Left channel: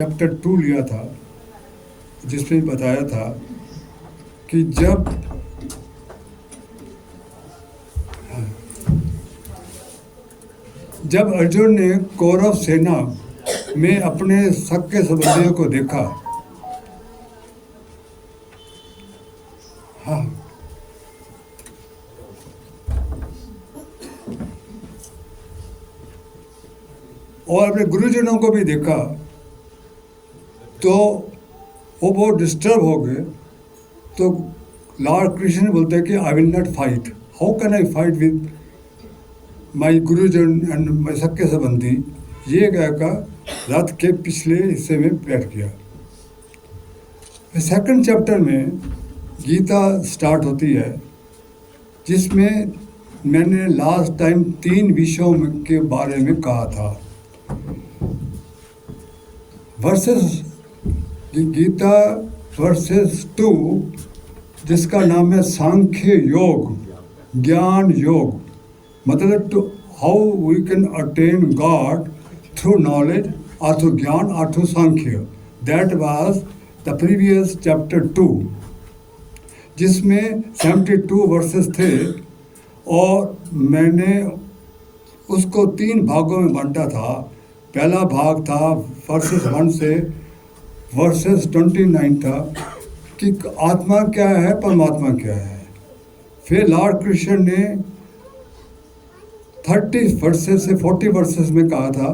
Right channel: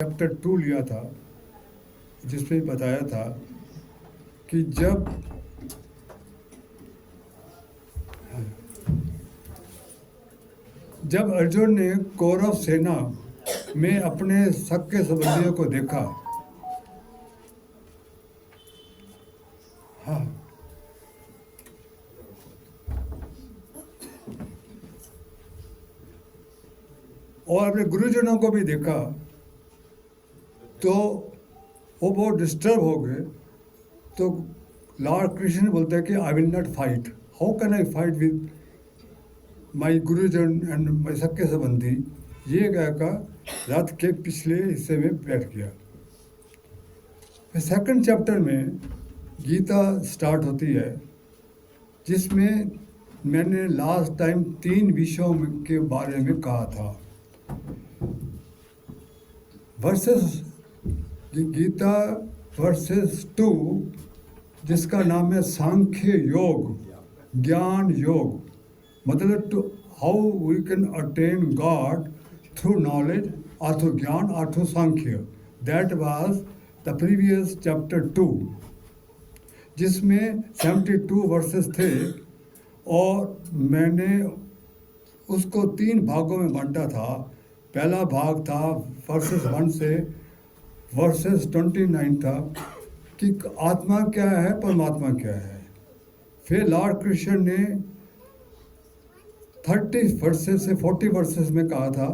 Chapter 2 लिया था, जिसमें बताया था कि जब अर्जुन ने कौरव सेना में अपने सगे संबंधियों को देखा, हाँ, और अपने गुरुजनों को भी देखा, तो वो बहुत डिस्टर्ब हो गए। तो लॉर्ड कृष्ण बोलते हैं कि I will not fight, how can I fight with my गुरुजन एंड माई सके संबंधी। ये कहकर रथ के पिछले हिस्से में बैठ गया। सेकंड चैप्टर में गीता स्टार्ट होती है, जिसमें मैंने लास्ट टाइम 3 विषयों के बारे में कहा था। वर्सेस गीता वर्सेस 2, जिसका नाम है सांख्य योग, ज्ञान योग, मतलब to how we can attain God through knowledge और थ्रू ज्ञान और through Sankhya. That was the previous chapter 2, जिसमें 72 वर्सेस थे, और मैंने उसको 3 भागों में बांटा था। पहला भाग था वर्सेस 1 से वर्सेस 29 था कि आत्मा क्या है, परमात्मा क्या है। फिर लॉर्ड कृष्ण ने 30 वर्सेस से 40 वर्सेस में कहा था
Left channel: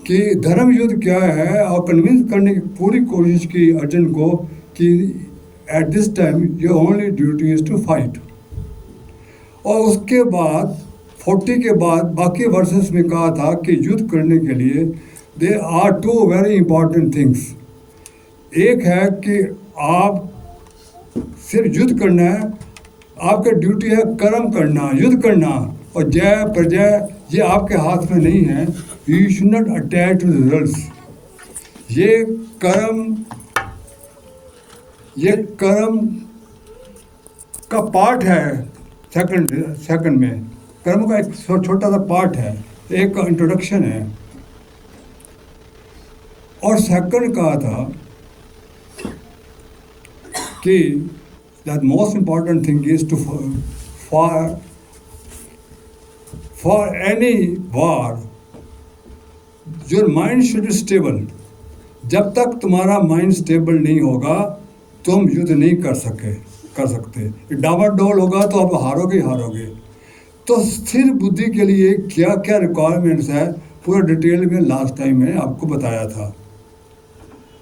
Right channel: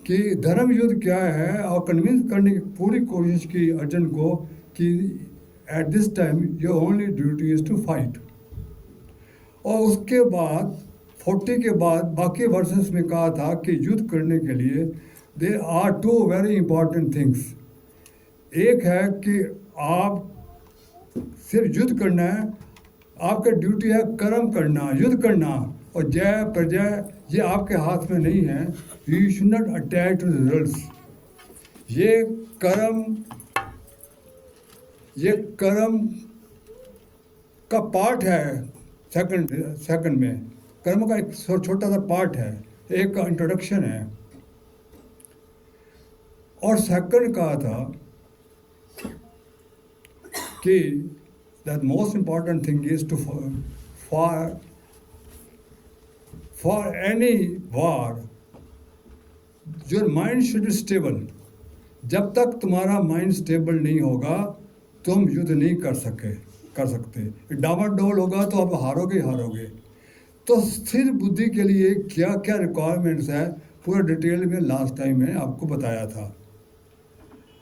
कि धर्म युद्ध क्या है, और कन्विंस करने की पूरी कोशिश की अर्जुन को कि at this time your only duty is to fight. और उसके बाद 40 के बाद बाकी वर्सेस में कहा था कि युद्ध करने के लिए there are 2 very important things. एक है कि आप सिर्फ युद्ध करना है, आपका ड्यूटी है कर्म करना, युद्ध करना, और जय प्रजय ये आपके हाथ में नहीं है। You should not attach to results. ये कर्म का पार्ट है। सेकंड में कर्म का एक छोटा सा पार्ट है, एक इंट्रोडक्शन है। और सेकंड कहा था कि the most important thing is to for any war your mind should be stable. जब तक तुम्हारा माइंड स्टेबल नहीं होगा, तुम युद्ध नहीं कर सकते। डावाडोल होगा तो आप हारोगे। तो स्थिर बुद्धि के लिए क्या क्या रिक्वायरमेंट्स है, पूरा डिटेल में लास्ट टाइम में आपको बताया था।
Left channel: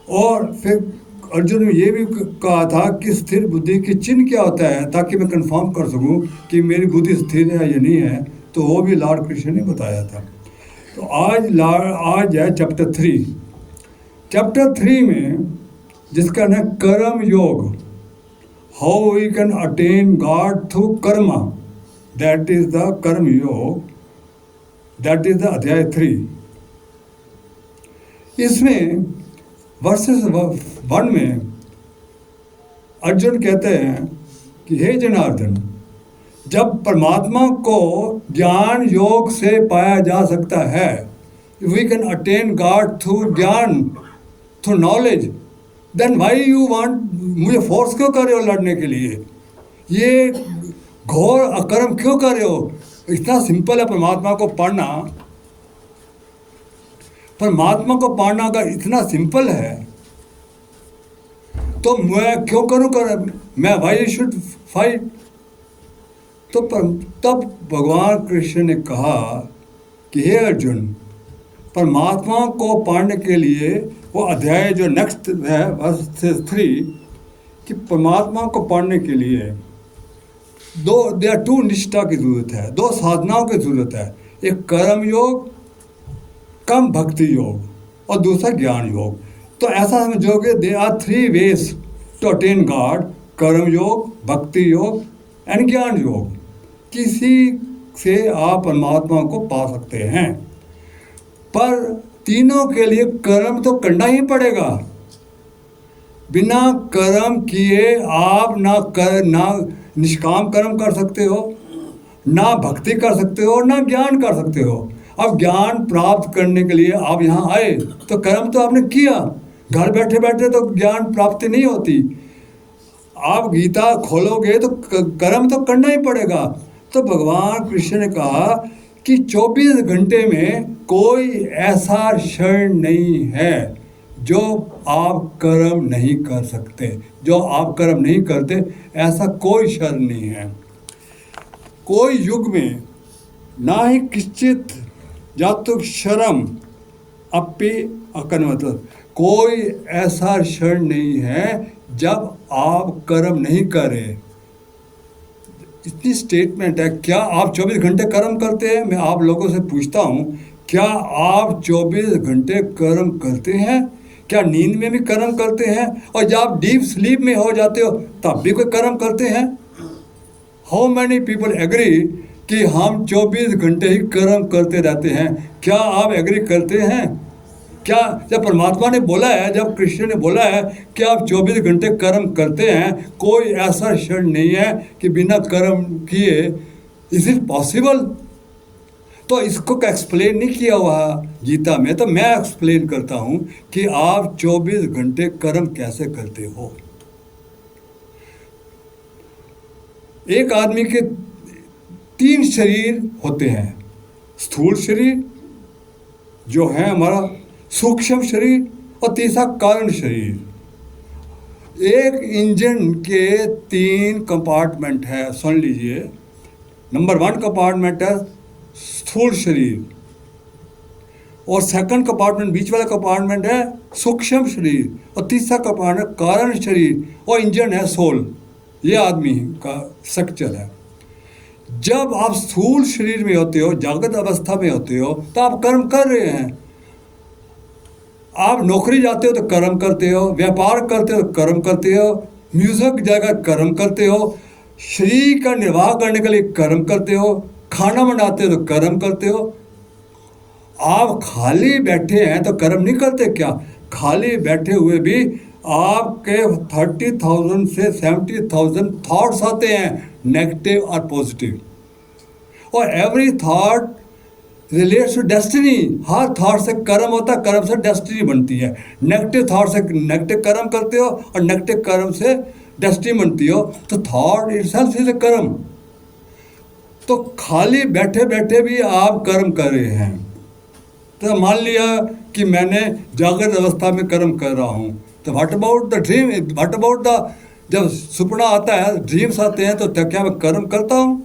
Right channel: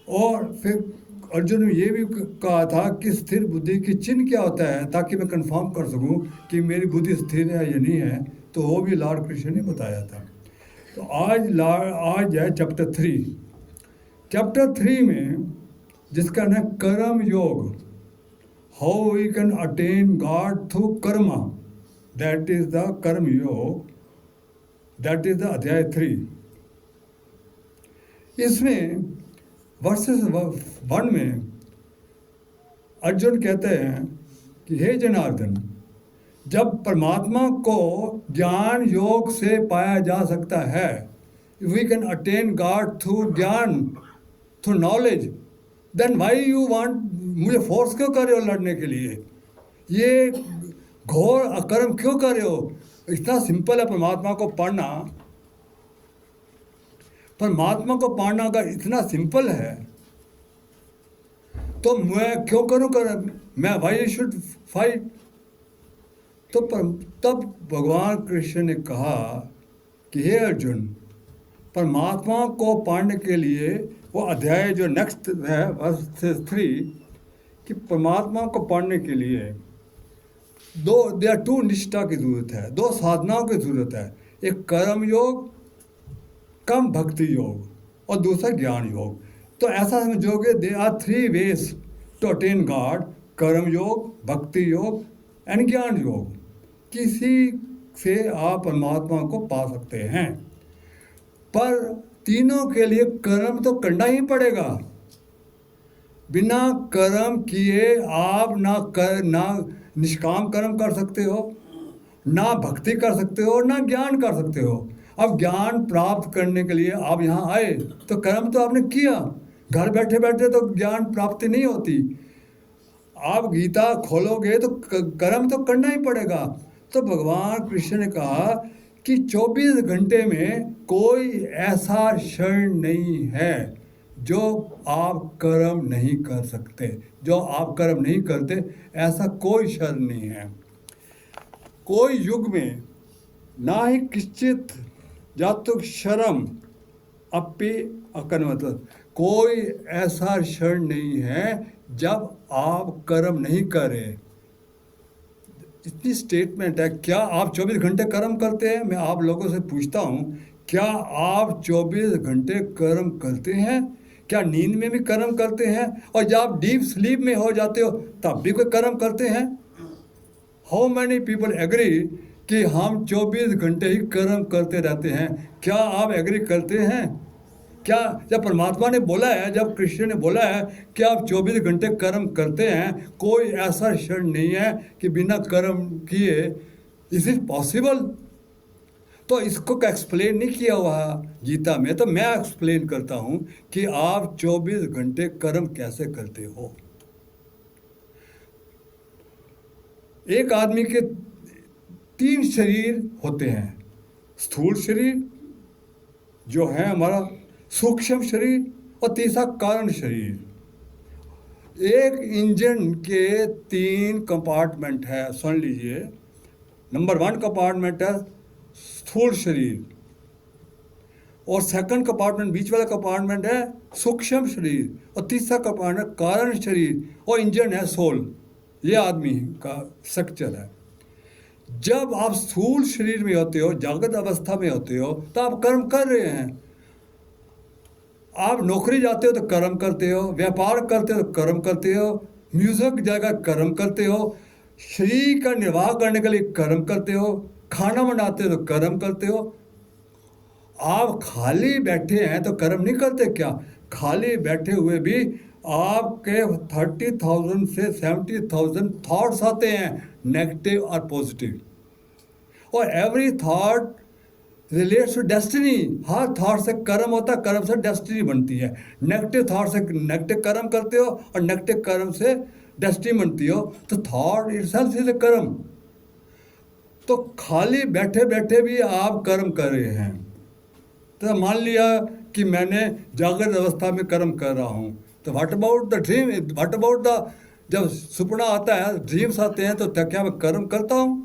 और फिर अर्जुन ने ये भी कहा था कि स्थिर बुद्धि की चिन्ह क्या होता है, ताकि मैं कंफर्म कर सकूं कि मेरी बुद्धि स्थिर है या नहीं है। तो वो भी लॉर्ड कृष्ण ने बताया था। तो आज है चैप्टर 3। चैप्टर 3 में जिसका नाम कर्म योग, how we can attain God through karma, that is the karma yoga, that is the अध्याय 3। इसमें वर्सेस 1 में अर्जुन कहते हैं कि हे जनार्दन, जब परमात्मा को ज्ञान योग से पाया जा सकता है, we can attain God through gyan, through knowledge, then why you want, मुझे फोर्स क्यों कर रहे हो लड़ने के लिए? ये घोर अकर्म क्यों कर रहे हो? इतना सिंपल है परमात्मा को पढ़ना। परमात्मा को पाना अगर इतना सिंपल है, तो मैं क्यों करूं मैं वाई शुड फाइट? तो तब भगवान कृष्ण ने कहा कि हे अर्जुन, परमात्मा को पाने के लिए वो अध्याय जो नेक्स्ट है वर्सेस 3, कि परमात्मा को पाने के लिए देयर आर 2 निष्ठा की जरूरत है, 2 साधनाओं की जरूरत है। एक कर्म योग, कम भक्ति योग, और दूसरा ज्ञान योग। तो ऐसा समझोगे there are 3 ways to attain God, karma yoga, भक्ति योग एंड ज्ञान योग। किसी से आप परमात्मा को पा सकते हैं, पर तीनों के लिए कर्म तो करना ही पड़ेगा। बिना कर्म किए आप ना निष्काम कर्म कर सकते हो, ना भक्ति कर सकते हो, ना ज्ञान कर सकते हो। अब ज्ञान प्राप्त करने के लिए आप यहाँ आए तो कर्म तो आपने किया, घर बैठे बैठे तो ज्ञान प्राप्ति नहीं होती। आप गीता खोलोगे तो कर्म तो करना ही पड़ेगा। तो भगवान कृष्ण ने कहा कि 24 घंटे में कोई ऐसा क्षण नहीं है जो आप कर्म नहीं कर सकते, जो आप कर्म नहीं करते, ऐसा कोई क्षण नहीं है। कोई युग में ना ही किंचित जातुक्षरम अपि अकन्वत, कोई ऐसा क्षण नहीं है जब आप कर्म नहीं करें। इतनी स्टेटमेंट है। क्या आप 24 घंटे कर्म करते हैं? मैं आप लोगों से पूछता हूँ, क्या आप 24 घंटे कर्म करते हैं? क्या नींद में भी कर्म करते हैं? और जब आप डीप स्लीप में हो जाते हो तब भी कोई कर्म करते हैं? हाउ मैनी पीपल एग्री कि हम 24 घंटे ही कर्म करते रहते हैं? क्या आप एग्री करते हैं? क्या जब परमात्मा ने बोला है, जब कृष्ण ने बोला है कि आप 24 घंटे कर्म करते हैं, कोई ऐसा क्षण नहीं है कि बिना कर्म किए, इज इट पॉसिबल? तो इसको एक्सप्लेन नहीं किया हुआ गीता में, तो मैं एक्सप्लेन करता हूं कि आप 24 घंटे कर्म कैसे करते हो। एक आदमी के 3 शरीर होते हैं। स्थूल शरीर जो है हमारा, सूक्ष्म शरीर, और तीसरा कारण शरीर। एक इंजन के 3 कंपार्टमेंट है, सुन लीजिए। नंबर 1 कंपार्टमेंट है स्थूल शरीर, और सेकंड कंपार्टमेंट, बीच वाला कंपार्टमेंट है सूक्ष्म शरीर, और तीसरा कंपार्टमेंट कारण शरीर, और इंजन है सोल। ये आदमी का स्ट्रक्चर है। जब आप स्थूल शरीर में होते हो, जागृत अवस्था में होते हो, तो आप कर्म कर रहे हैं। आप नौकरी जाते हो तो कर्म करते हो, व्यापार करते हो तो कर्म करते हो, म्यूजिक जगह कर्म करते हो, शरीर का निर्वाह करने के लिए कर्म करते हो, खाना बनाते हो तो कर्म करते हो। आप खाली बैठे हैं तो कर्म नहीं करते क्या? खाली बैठे हुए भी आपके 30,000 से 70,000 थॉट्स आते हैं, नेगेटिव और पॉजिटिव, और every thought relates to destiny. हर थॉट से कर्म होता है, कर्म से डेस्टिनी बनती है। नेगेटिव थॉट से नेगेटिव कर्म करते हो, और नेगेटिव कर्म से डेस्टिनी बनती हो, तो थॉट इटसेल्फ इज ए कर्म। तो खाली बैठे बैठे भी आप कर्म कर रहे हैं। तो मान लिया कि मैंने जागृत अवस्था में कर्म कर रहा हूँ, तो what about the dream, what about the, जब सपना आता है, ड्रीम्स आते हैं, तो क्या मैं कर्म करता हूँ?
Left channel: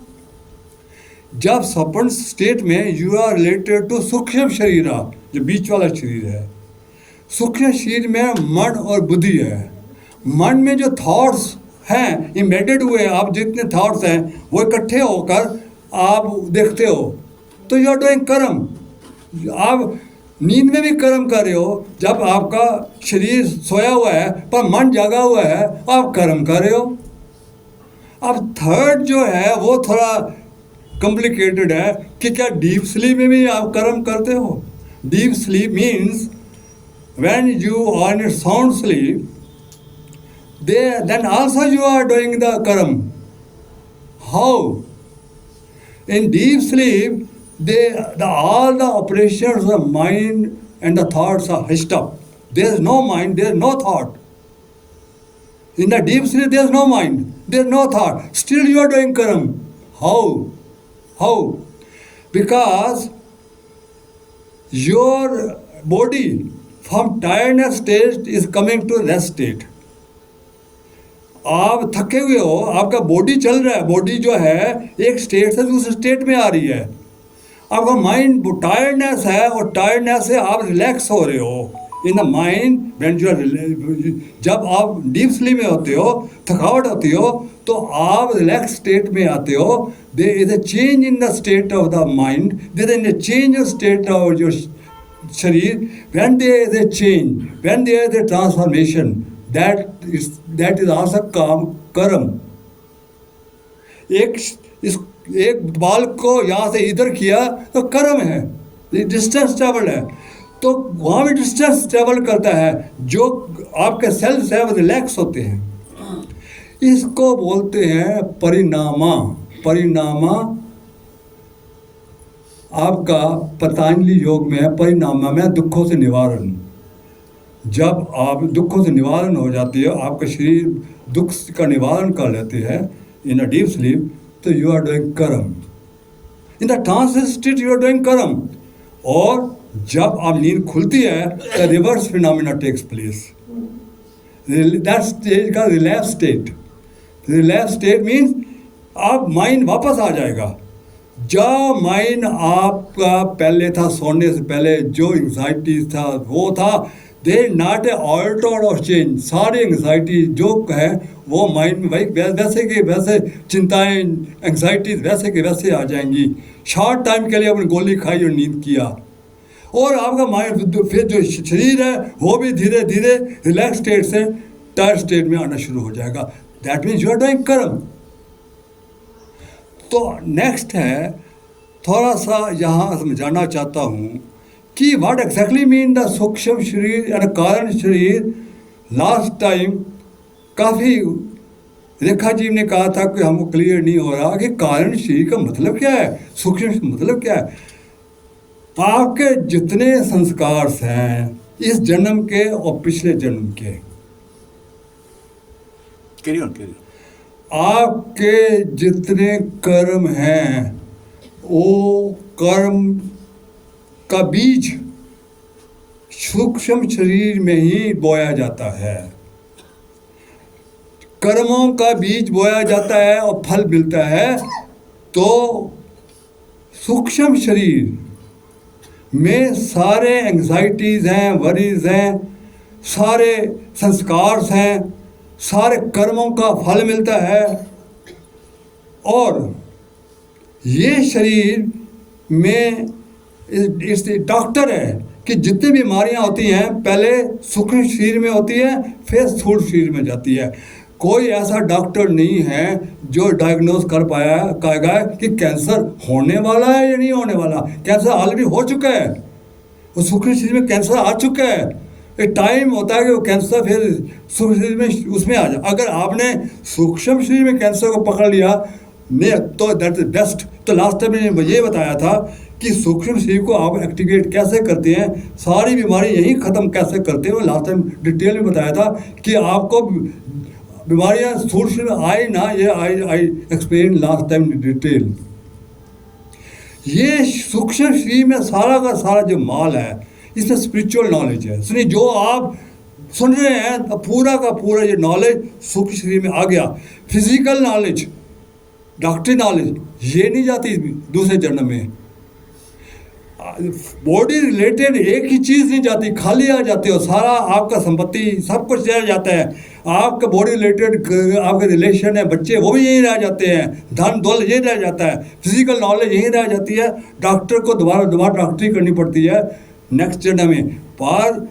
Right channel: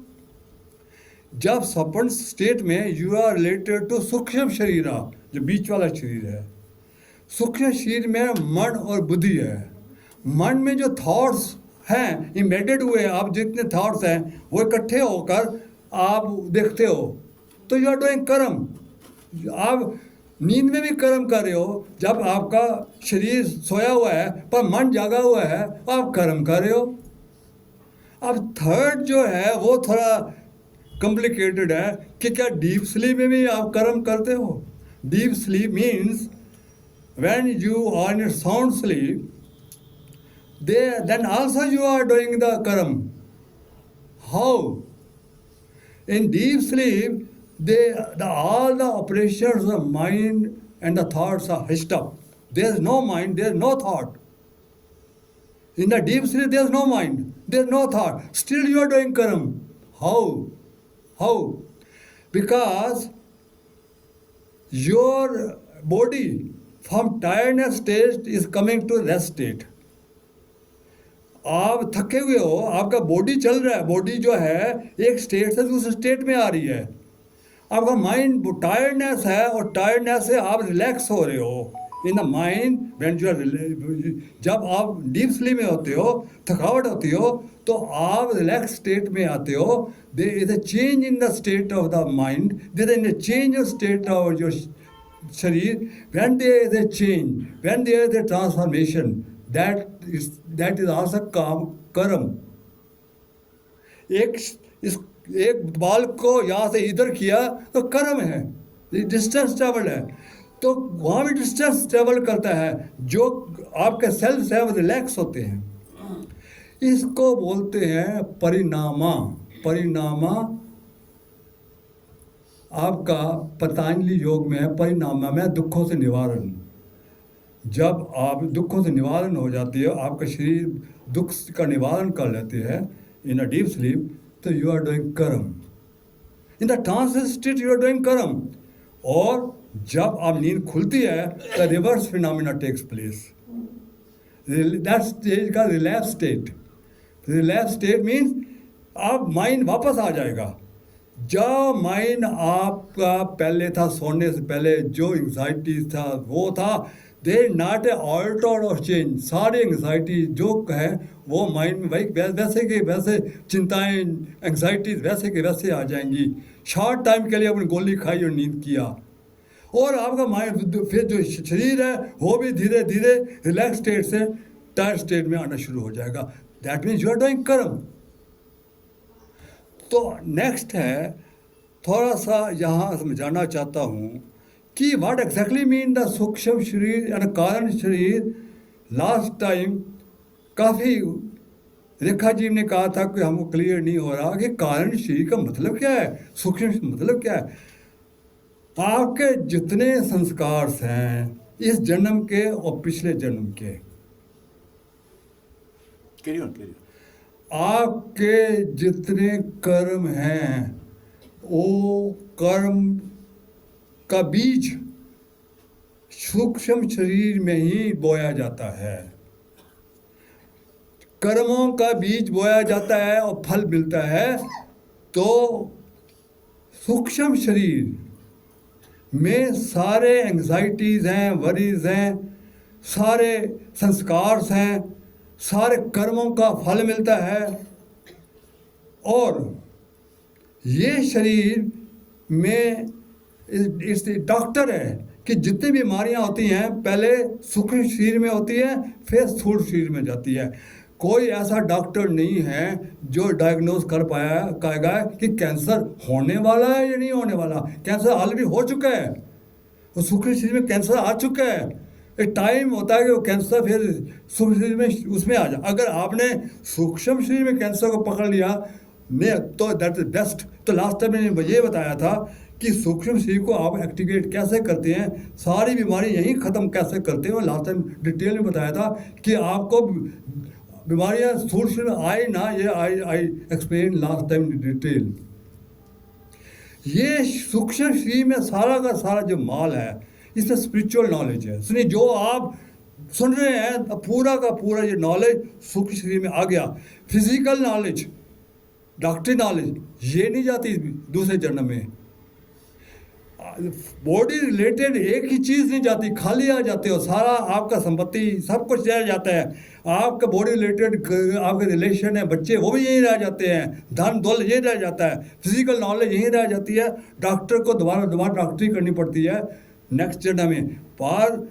जब स्वप्न स्टेट में यू आर रिलेटेड टू सूक्ष्म शरीर, जो बीच वाला शरीर है। सूक्ष्म शरीर में मन और बुद्धि है। मन में जो थॉट्स हैं इम्बेडेड हुए, आप जितने थॉट्स हैं वो इकट्ठे होकर आप देखते हो, तो यू आर डूइंग कर्म। आप नींद में भी कर्म कर रहे हो। जब आपका शरीर सोया हुआ है पर मन जागा हुआ है, आप कर्म कर रहे हो। अब थर्ड जो है वो थोड़ा कॉम्प्लिकेटेड है कि क्या डीप स्लीप में भी आप कर्म करते हो? Deep sleep means when you are in sound sleep, then also you are doing the karma. How? In deep sleep, all the operations of mind and the thoughts are hushed up. There is no mind, there is no thought. In the deep sleep, there is no mind, there is no thought. Still you are doing karma. How? How? Because your body from tiredness state is coming to rest state. आप थके हुए हो, आपका body चल रहा है, body जो है एक स्टेट से दूसरे स्टेट में आ रही है। आपका माइंड टायर्डनेस है, और टायर्डनेस से आप रिलैक्स हो रहे हो in the mind. When you are, जब आप डीप स्लीप में होते हो, थकावट होती हो, तो आप रिलैक्स स्टेट में आते हो। There is a change in the state of the mind, there is a change in state of your sharir. When there is a change, when there is a transformation, that is also कर्म। एक बाल को यहाँ से इधर किया तो कर्म है, डिस्टेंस ट्रेवल है। तो वहाँ भी डिस्टेंस ट्रेवल करता है, जो आपके सेल्स है वो रिलैक्स होते हैं। इसको बोलते हैं परिणामा। परिणामा आपका पतंजलि योग में है, परिणामा में दुखों से निवारण। जब आप दुखों से निवारण हो जाती है, आपका शरीर दुख का निवारण कर लेते हैं इन अ डीप स्लीप, तो you are doing karma. In the trance state you are doing karma. और जब आप नींद खुलती है तो reverse phenomena takes place. That stage का relapse state. Relapse state means आप माइंड वापस आ जाएगा। जो माइंड आपका पहले था, सोने से पहले जो एंग्जाइटी था वो था, दे नॉट ए ऑल्टर और चेंज। सारी एंग्जाइटी जो है वो माइंड में भाई वैसे के वैसे चिंताएं एंग्जाइटीज वैसे के वैसे आ जाएंगी। शॉर्ट टाइम के लिए आपने गोली खाई और नींद किया, और आपका माइंड फिर जो शरीर है वो भी धीरे धीरे रिलैक्स स्टेट से टायर स्टेट में आना शुरू हो जाएगा। That means you are doing karma. तो नेक्स्ट है, थोड़ा सा यहाँ समझाना चाहता हूँ कि व्हाट एग्जैक्टली मीन द सूक्ष्म शरीर या कारण शरीर। लास्ट टाइम काफ़ी रेखा जी ने कहा था कि हमको क्लियर नहीं हो रहा कि कारण शरीर का मतलब क्या है, सूक्ष्म मतलब क्या है। आपके जितने संस्कार हैं इस जन्म के और पिछले जन्म के, आपके जितने कर्म हैं वो कर्म का बीज सूक्ष्म शरीर में ही बोया जाता है। कर्मों का बीज बोया जाता है और फल मिलता है। तो सूक्ष्म शरीर में सारे एंग्जाइटीज़ हैं, वरीज हैं, सारे संस्कार हैं, सारे कर्मों का फल मिलता है। और ये शरीर में इस डॉक्टर है कि जितनी बीमारियां होती हैं पहले सूक्ष्म शरीर में होती है, फिर स्थूल शरीर में जाती है। कोई ऐसा डॉक्टर नहीं है जो डायग्नोज कर पाएगा कि कैंसर होने वाला है या नहीं होने वाला। कैंसर ऑलरेडी हो चुका है, वो सूक्ष्म शरीर में कैंसर आ चुका है। एक टाइम होता है कि वो कैंसर फिर सूक्ष्म शरीर में उसमें आ जाए। अगर आपने सूक्ष्म शरीर में कैंसर को पकड़ लिया ने तो दैट इज बेस्ट। तो लास्ट टाइम मैंने ये बताया था कि सूक्ष्म शरीर को आप एक्टिवेट कैसे करते हैं, सारी बीमारी यही ख़त्म कैसे करते हैं। लास्ट टाइम डिटेल में बताया था कि आपको बीमारियां स्थूल शरीर में आई ना, ये I explain last time detail. ये सूक्ष्म शरीर में सारा का सारा जो माल है इसमें स्पिरिचुअल नॉलेज है। सुनिए, जो आप सुन रहे हैं तो पूरा का पूरा ये नॉलेज सूक्ष्म शरीर में आ गया। फिजिकल नॉलेज, डॉक्टरी नॉलेज ये नहीं जाती दूसरे जन्म में। बॉडी रिलेटेड एक ही चीज़ नहीं जाती, खाली आ जाते हो। सारा आपका संपत्ति सब कुछ रह जाता है। आपका बॉडी रिलेटेड आपके रिलेशन है, बच्चे वो भी यहीं रह जाते हैं, धन दौलत यही रह जाता है, फिजिकल नॉलेज यहीं रह जाती है। डॉक्टर को दोबारा डॉक्टरी करनी पड़ती है नेक्स्ट जन्म में। पर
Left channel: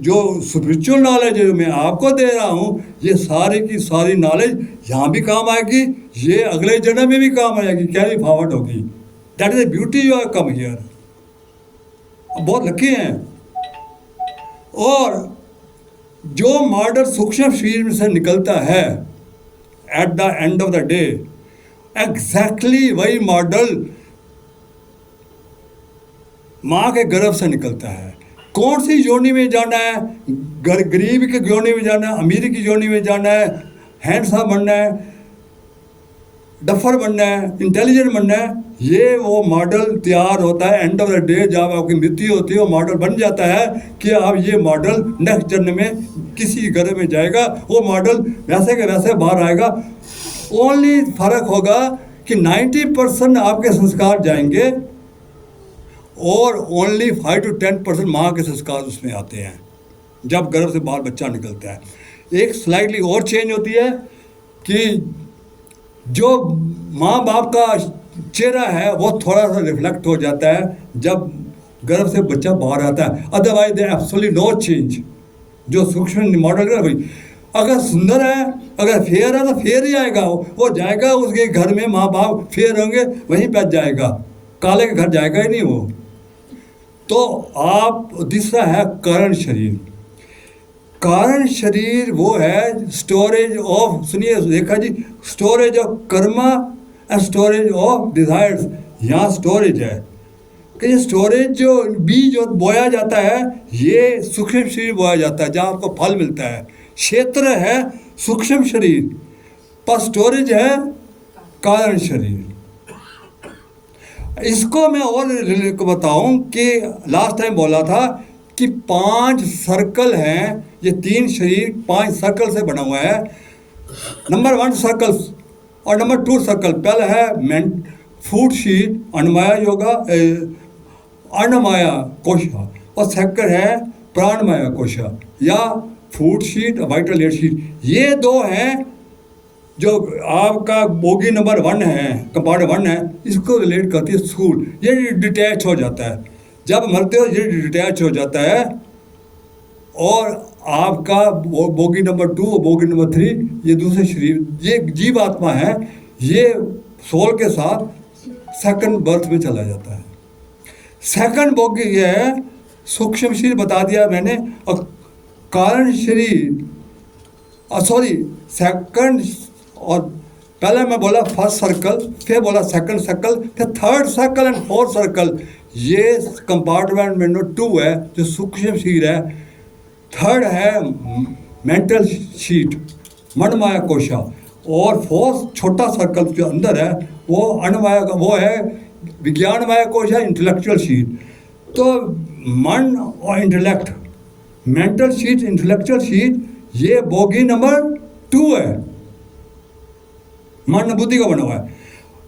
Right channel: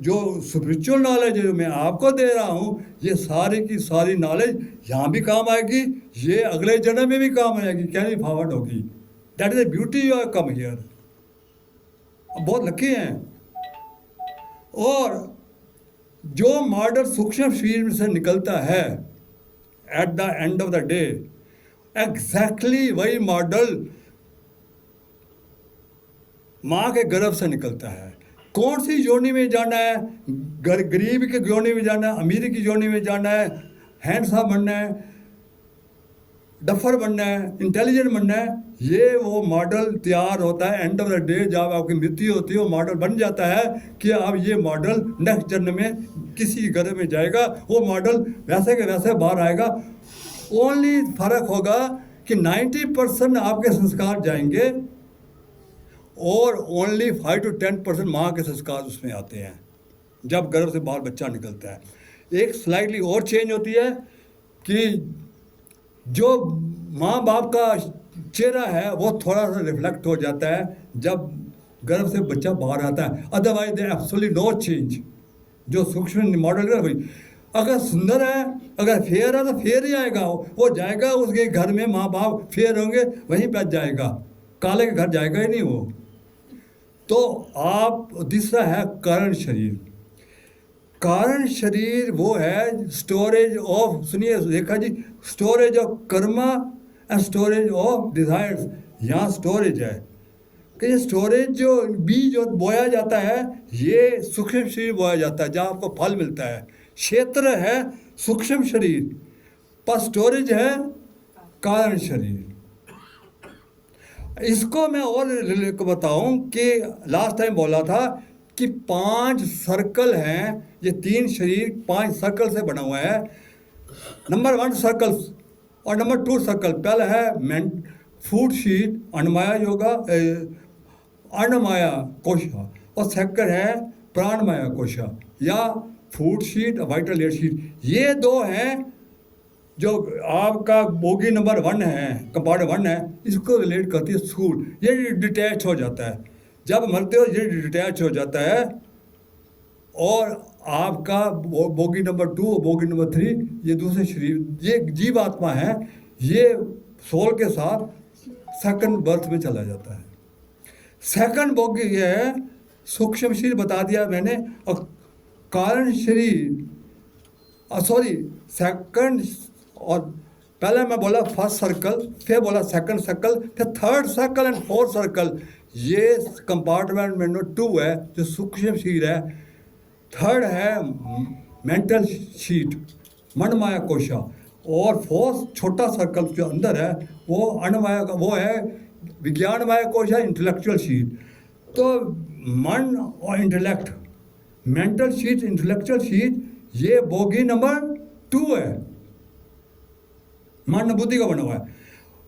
जो स्पिरिचुअल नॉलेज है मैं आपको दे रहा हूँ, ये सारी की सारी नॉलेज यहाँ भी काम आएगी, ये अगले जन्म में भी काम आएगी, कैरी फॉरवर्ड होगी। That is the beauty you have come here. बहुत लकी हैं। और जो मॉडल सूक्ष्म शरीर से निकलता है at the end of the day, exactly वही मॉडल माँ के गर्भ से निकलता है। कौन सी योनि में जाना है, गरीब की योनि में जाना है, अमीर की योनि में जाना है, हैंडसम बनना है, डफर बनना है, इंटेलिजेंट बनना है, ये वो मॉडल तैयार होता है एंड ऑफ द डे। जब आपकी मृत्यु होती है वो मॉडल बन जाता है कि अब ये मॉडल नेक्स्ट जन्म में किसी घर में जाएगा, वो मॉडल वैसे के वैसे बाहर आएगा। ओनली फर्क होगा कि 90% आपके संस्कार जाएंगे और ओनली 5 to 10% माँ के संस्कार उसमें आते हैं जब गर्भ से बाहर बच्चा निकलता है। एक स्लाइटली और चेंज होती है कि जो माँ बाप का चेहरा है वो थोड़ा सा रिफ्लेक्ट हो जाता है जब गर्भ से बच्चा बाहर आता है। Otherwise they absolutely no change. जो सूक्ष्म मॉडल है भाई, अगर सुंदर है, अगर फेयर है तो फेयर ही आएगा, वो जाएगा उसके घर में, माँ बाप फेयर होंगे वहीं पर जाएगा, काले के घर जाएगा ही नहीं वो। तो आप दूसरा है कारण शरीर। कारण शरीर वो है स्टोरेज ऑफ, सुनिए देखा जी, storage of karma and storage of desires. यहाँ स्टोरेज है कि ये स्टोरेज जो बीज जो बोया जाता है, ये सूक्ष्म शरीर बोया जाता है जहाँ आपको फल मिलता है। क्षेत्र है सूक्ष्म शरीर, पर स्टोरेज है कारण शरीर। इसको मैं और बताऊं कि लास्ट टाइम बोला था कि 5 सर्कल हैं, ये 3 शरीर 5 सर्कल से बना हुआ है। नंबर 1 सर्कल और नंबर 2 सर्कल। पहला है फूड शीट अन्नमया योगा अन्नमया कोशा, और सेकंड है प्राणमया कोशा या food sheet vital air sheet. ये 2 हैं जो आपका बोगी नंबर 1 है, कंपाउंड 1 है, इसको रिलेट करती है स्थूल। ये डिटैच हो जाता है, जब मरते हो ये डिटैच हो जाता है, और आपका बोगी नंबर 2 और बोगी नंबर 3 ये दूसरे शरीर, ये जीव आत्मा है, ये सोल के साथ सेकंड बर्थ में चला जाता है। सेकंड बोगी ये है सूक्ष्म शरीर, बता दिया मैंने, और कारण शरीर सेकंड, और पहले मैं बोला फर्स्ट सर्कल, फिर बोला सेकंड सर्कल, फिर third circle and fourth circle. ये कंपार्टमेंट में 2 है जो सूक्ष्म शरीर है। थर्ड है मेंटल शीट मनमाया कोशा, और फोर्थ छोटा सर्कल जो अंदर है वो अन्नमाया का, वो है विज्ञानमय कोशा इंटेलेक्चुअल शीट। तो मन और intellect, mental sheet intellectual sheet, ये बोगी नंबर 2 है, मन बुद्धि का बना हुआ है।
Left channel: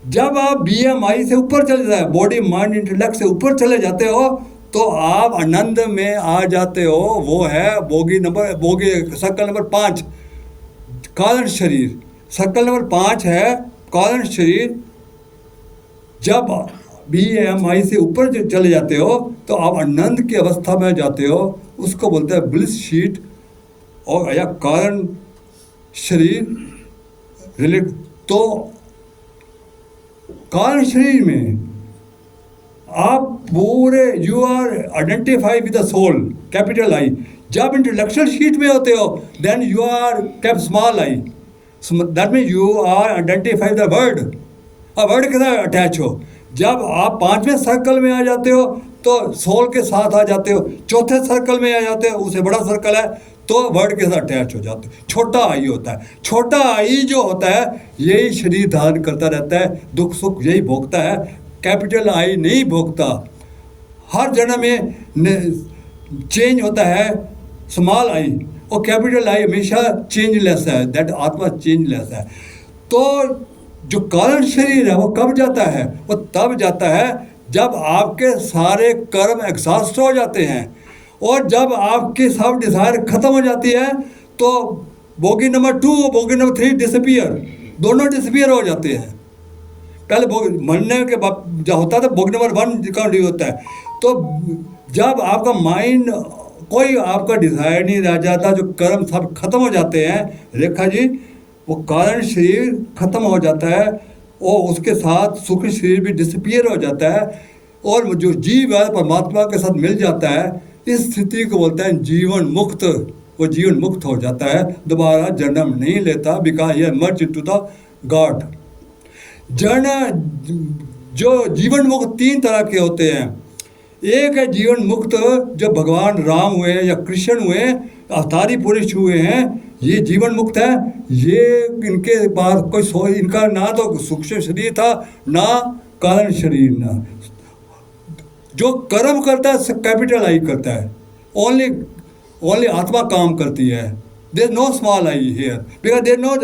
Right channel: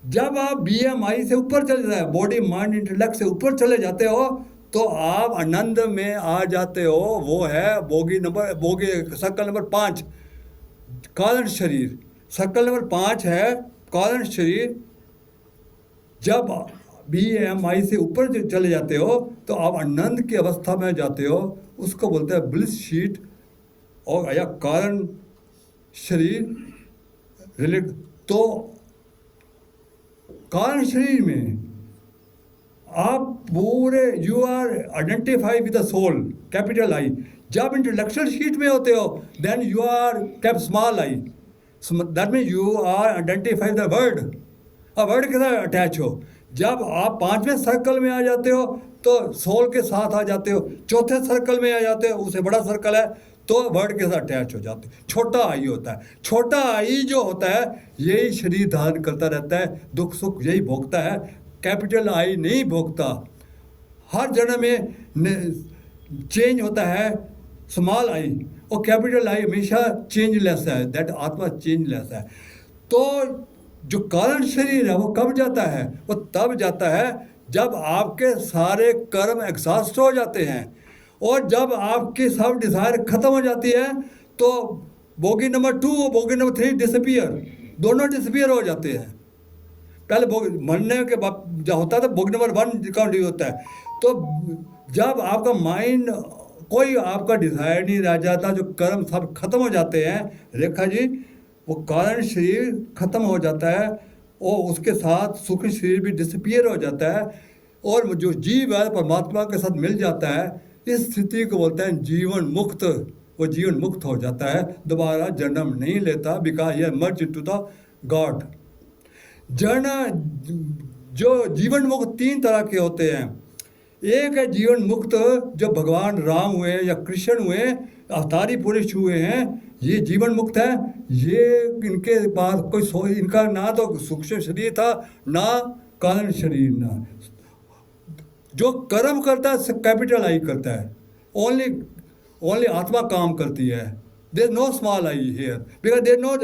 जब आप BMI से ऊपर चले जाए, बॉडी माइंड इंटेलेक्ट से ऊपर चले जाते हो, तो आप आनंद में आ जाते हो। वो है बोगी सर्कल नंबर 5 कारण शरीर। सर्कल नंबर 5 है कारण शरीर। जब BMI से ऊपर चले जाते हो तो आप आनंद की अवस्था में जाते हो, उसको बोलते हैं ब्लिस शीट, और या कारण शरीर रिलेट। तो कारण शरीर में आप पूरे you are identify with the soul, capital I. जब इंटेलेक्चुअल शीट में होते हो then you are cap small I, that mean you are identify the word, word के साथ अटैच हो। जब आप 5वें सर्कल में आ जाते हो तो सोल के साथ आ जाते हो, चौथे सर्कल में आ जाते हो, उससे बड़ा सर्कल है तो वर्ड के साथ अटैच हो जाते हैं। छोटा आई होता है, छोटा आई जो होता है यही शरीर धारण करता रहता है, दुख सुख यही भोगता है, कैपिटल आई नहीं भोगता। हर जन्म में चेंज होता है स्मॉल आई, और कैपिटल आई हमेशा चेंजलेस है, दैट आत्मा चेंजलेस है। तो जो कारण शरीर है वो कब जाता है? वो तब जाता है जब आपके सारे कर्म एग्जॉस्ट हो जाते हैं, और जब आपकी सब डिज़ायर ख़त्म हो जाती है तो बोगी नंबर 2 और बोगी नंबर 3 डिसअपियर, दोनों डिसअपियर हो जाते हैं। पहले मरने के बाद जो होता था बोगी नंबर 1 का नहीं होता है। तो जब आपका माइंड, कोई आपका डिज़ायर नहीं रह जाता, जो कर्म सब खत्म हो जाते हैं, रेखा जी, वो कारण शरीर खत्म हो जाता है और उसके साथ सूक्ष्म शरीर भी डिसअपियर हो जाता है, और जो जीव है परमात्मा के साथ मिल जाता है। इस स्थिति को बोलते हैं जीवन मुक्त। वो जीवन मुक्त हो जाता है, दोबारा जन्म नहीं लेता, बिकॉज ये मर्ज टू द गॉड। जो जीवन मुक्त 3 तरह के होते हैं। एक है जीवन मुक्त जो भगवान राम हुए या कृष्ण हुए, अवतारी पुरुष हुए हैं, ये जीवन मुक्त है। ये इनके पास कोई इनका ना तो सूक्ष्म शरीर था ना कारण शरीर, ना जो कर्म करता है कैपिटल आई करता है, ओनली आत्मा काम करती है। There no small I here because there no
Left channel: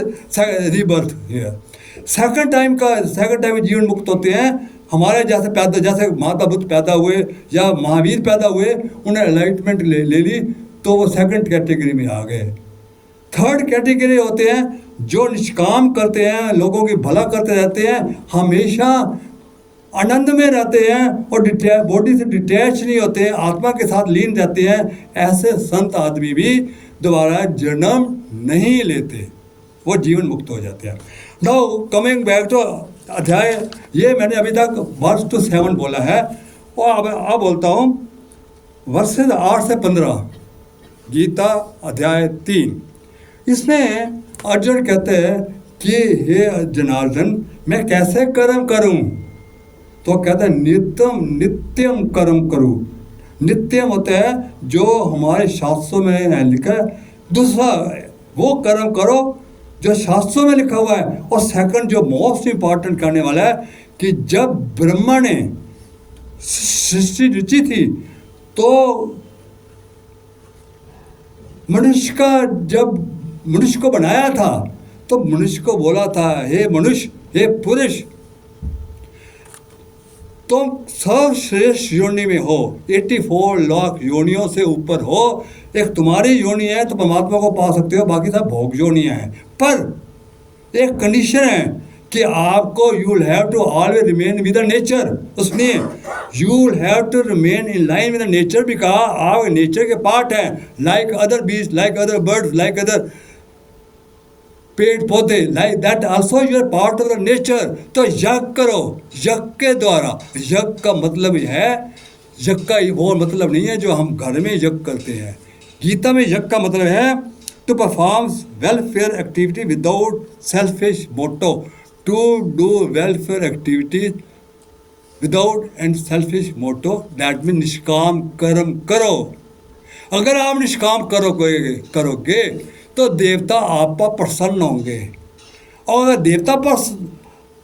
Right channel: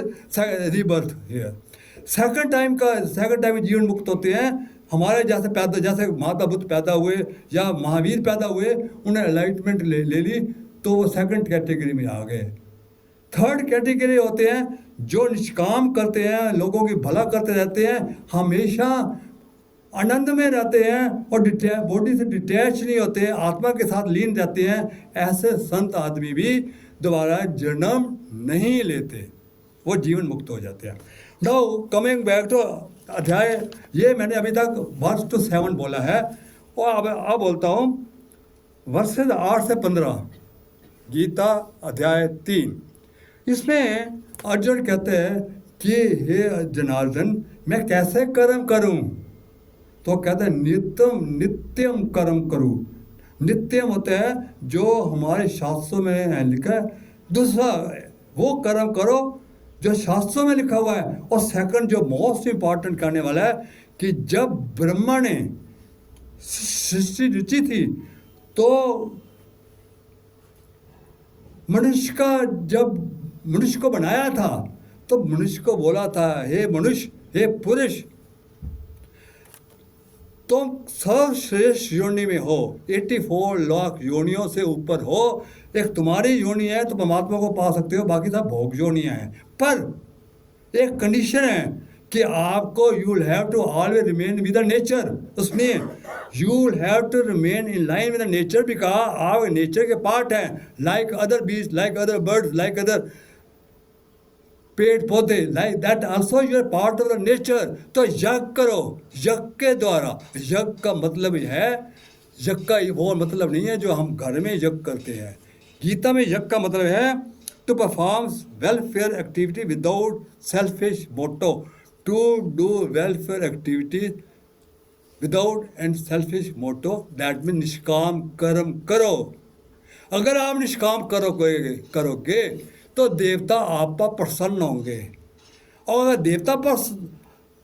rebirth here. Second time जीवन मुक्त होते हैं। हमारे जैसे माता बुद्ध पैदा हुए या महावीर पैदा हुए, उन्हें एनलाइटमेंट ले ली तो वो सेकंड कैटेगरी में आ गए। थर्ड कैटेगरी होते हैं जो निष्काम करते हैं, लोगों की भला करते रहते हैं, हमेशा आनंद में रहते हैं और बॉडी से डिटैच नहीं होते हैं, आत्मा के साथ लीन रहते हैं। ऐसे संत आदमी भी दोबारा जन्म नहीं लेते, वो जीवन मुक्त हो जाते हैं। नाउ कमिंग बैक टू अध्याय, ये मैंने अभी तक वर्स टू 7 बोला है, और अब बोलता हूँ वर्सेस 8 से 15, गीता अध्याय 3। इसमें अर्जुन कहते हैं कि हे जनार्दन, मैं कैसे कर्म करूं? तो कहते हैं नित्यम नित्यम कर्म करो। नित्यम होता है जो हमारे शास्त्रों में लिखा है। दूसरा वो कर्म करो जो शास्त्रों में लिखा हुआ है। और सेकंड जो मोस्ट इंपॉर्टेंट करने वाला है कि जब ब्रह्मा ने सृष्टि रची थी तो मनुष्य का जब मनुष्य को बनाया था तो मनुष्य को बोला था, हे मनुष्य, हे पुरुष, तुम सर्वश्रेष्ठ योनि में हो, 84 लाख योनियों से ऊपर हो। एक तुम्हारी योनि है तो परमात्मा को पा सकते हो, बाकी सब भोग योनियां हैं। पर एक कंडीशन है कि आपको you will have to always remain with the nature. उसमें you will have to remain in line with the nature, because आप नेचर के पार्ट है, like other beast, like other birds, like other ped paudhe, like that also you are part of the nature. तो यज्ञ करो, यज्ञ के द्वारा। यज्ञ का मतलब है, यज्ञ का वो मतलब नहीं है जो हम घर में यज्ञ करते हैं। गीता में यज्ञ का मतलब है to perform welfare activity without selfish motto, to do welfare activity without and selfish motto, that mean निष्काम कर्म करो। अगर आप निष्काम करोगे तो देवता आप पर प्रसन्न होंगे। और अगर देवता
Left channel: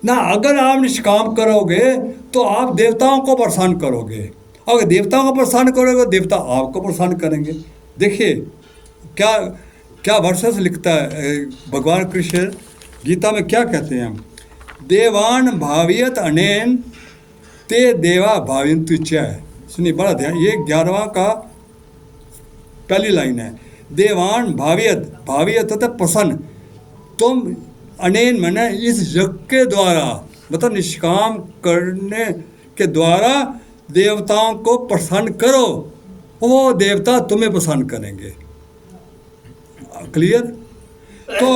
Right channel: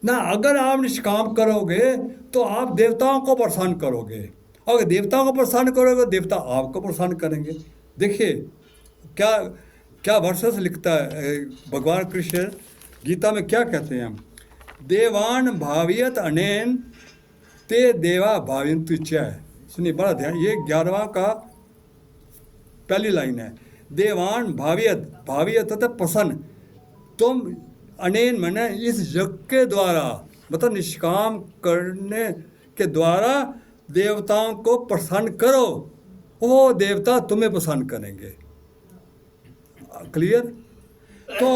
ना, अगर आप निष्काम करोगे तो आप देवताओं को प्रसन्न करोगे। अगर देवताओं को प्रसन्न करोगे देवता आपको प्रसन्न करेंगे। देखिए क्या क्या वर्षस लिखता है भगवान कृष्ण गीता में, क्या कहते हैं? देवान भावियत अनेन ते देवा भाविन्तु च। सुनिए बड़ा ध्यान, ये 11वां का पहली लाइन है। देवान भावियत, भावियत होता प्रसन्न। तुम अनेन मैंने इस यज्ञ के द्वारा, मतलब निष्काम करने के द्वारा देवताओं को प्रसन्न करो, वो देवता तुम्हें प्रसन्न करेंगे। क्लियर? तो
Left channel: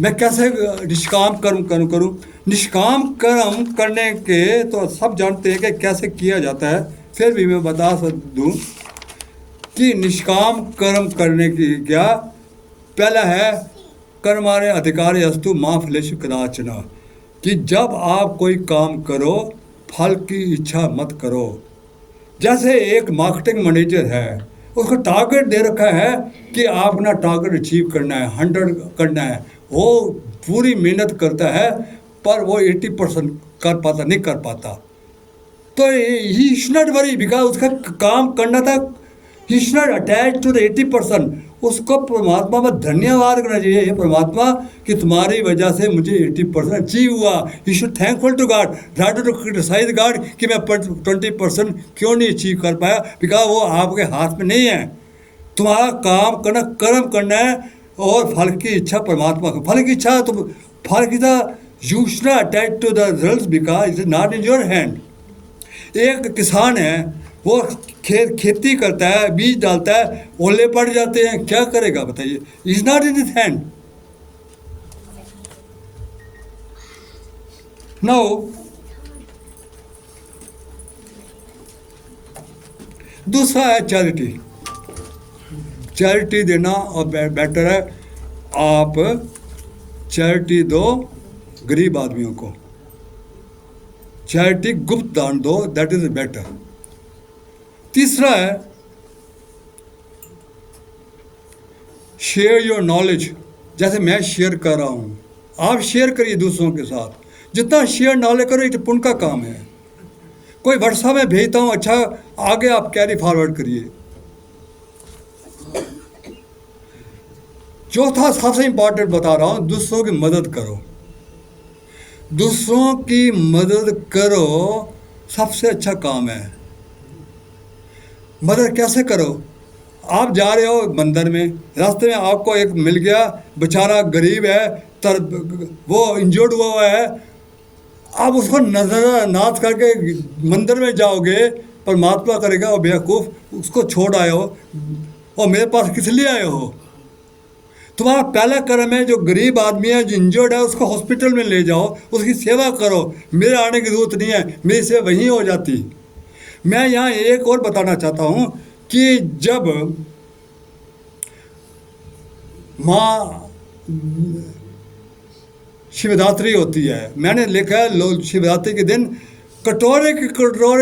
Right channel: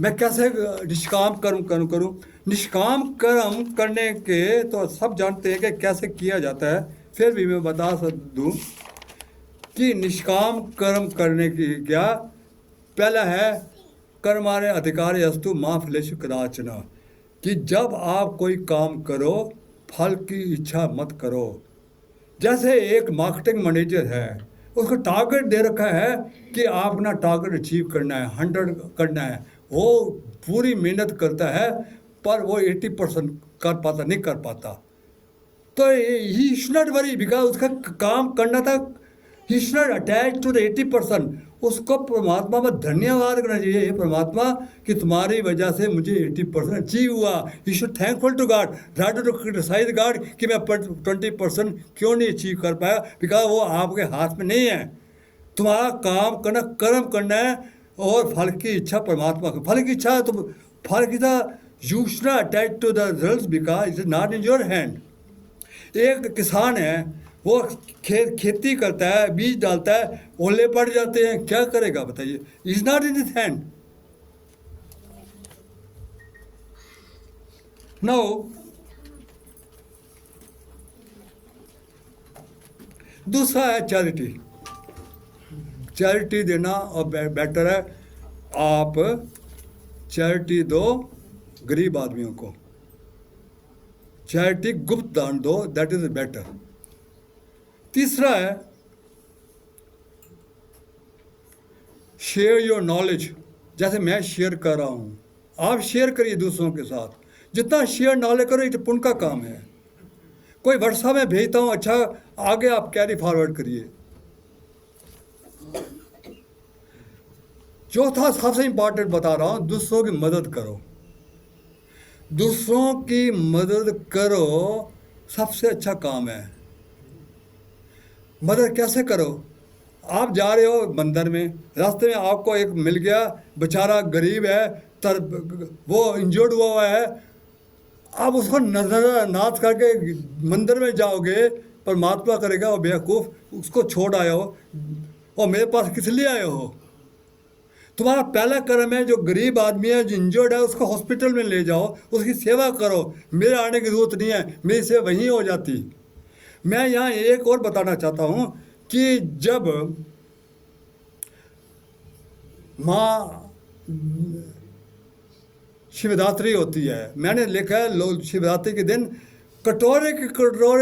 मैं कैसे निष्काम कर्म करूं? निष्काम कर्म करने के तो सब जानते हैं कि कैसे किया जाता है, फिर भी मैं बता दूं कि निष्काम कर्म करने की क्या पहला है, कर्मारे अधिकारी अस्तु मां फलेषु कदाचन, कि जब आप कोई काम करो फल की इच्छा मत करो। जैसे एक मार्केटिंग मैनेजर है, उसको टारगेट दे रखा है कि आप अपना टारगेट अचीव करना है, 100 करना है। वो पूरी मेहनत करता है पर वो 80% नहीं कर पाता। तो he should not worry, because उसका काम करना था, he should not attach to the 80%। उसको परमात्मा में धन्यवाद करना चाहिए, हे परमात्मा कि तुम्हारी वजह से मुझे 80% अचीव हुआ। You should thankful to God, not to criticize God कि मैं 20% क्यों नहीं अचीव कर पाया, बिकॉज वो आपके हाथ में नहीं है। तुम्हारा काम करना, कर्म करना है, और फल की इच्छा परमात्मा को। फल की इच्छा तो फल की you should not attach to the result because it is not in your hand. एक किसान है, वो खेती करता है, बीज डालता है, ओले पड़ जाते हैं, क्या करेगा बताइए? Is not in his hand. Now दूसरा है चैरिटी। चैरिटी देना और बेटर है आप चैरिटी दो गरीब आदमियों को, चैरिटी गुप्त दान दो, दैट इज बेटर। तीसरा है शेयर योर नॉलेज। जैसे मैं शेयर कर रहा हूँ, आप शेयर करिए दूसरों के साथ। जितना शेयर नॉलेज करो ये पुण्य का काम है। कोई व्हाट्सएप में भेजता हूँ, अच्छा आगे आप कैरी फॉरवर्ड करिए। चौथा सबसे इंपॉर्टेंट बता रहा हूँ, दूसरों की मदद करो। दूसरों की मदद करो सबसे अच्छा काम है। मदद कैसे करो? आप जा रहे हो मंदिर में, रास्ते में आपको एक मिल गया, बेचारा गरीब है, वो इंजर्ड हुआ है, आप उसको नजरअंदाज करके मंदिर में जाओगे, परमात्मा करेगा वो बेवकूफ़, उसको छोड़ आए हो और मेरे पास किस लिए आए हो? तुम्हारा पहला कर्म है, जो गरीब आदमी है, जो इंजर्ड है, उसको हॉस्पिटल में ले जाओ, उसकी सेवा करो। मेरे आने की जरूरत नहीं है, मेरी सेवा वहीं हो जाती। मैं यहाँ एक और बताना चाहता हूँ कि जब माँ शिवरात्रि होती है, मैंने लिखा है शिवरात्रि के दिन कटोरे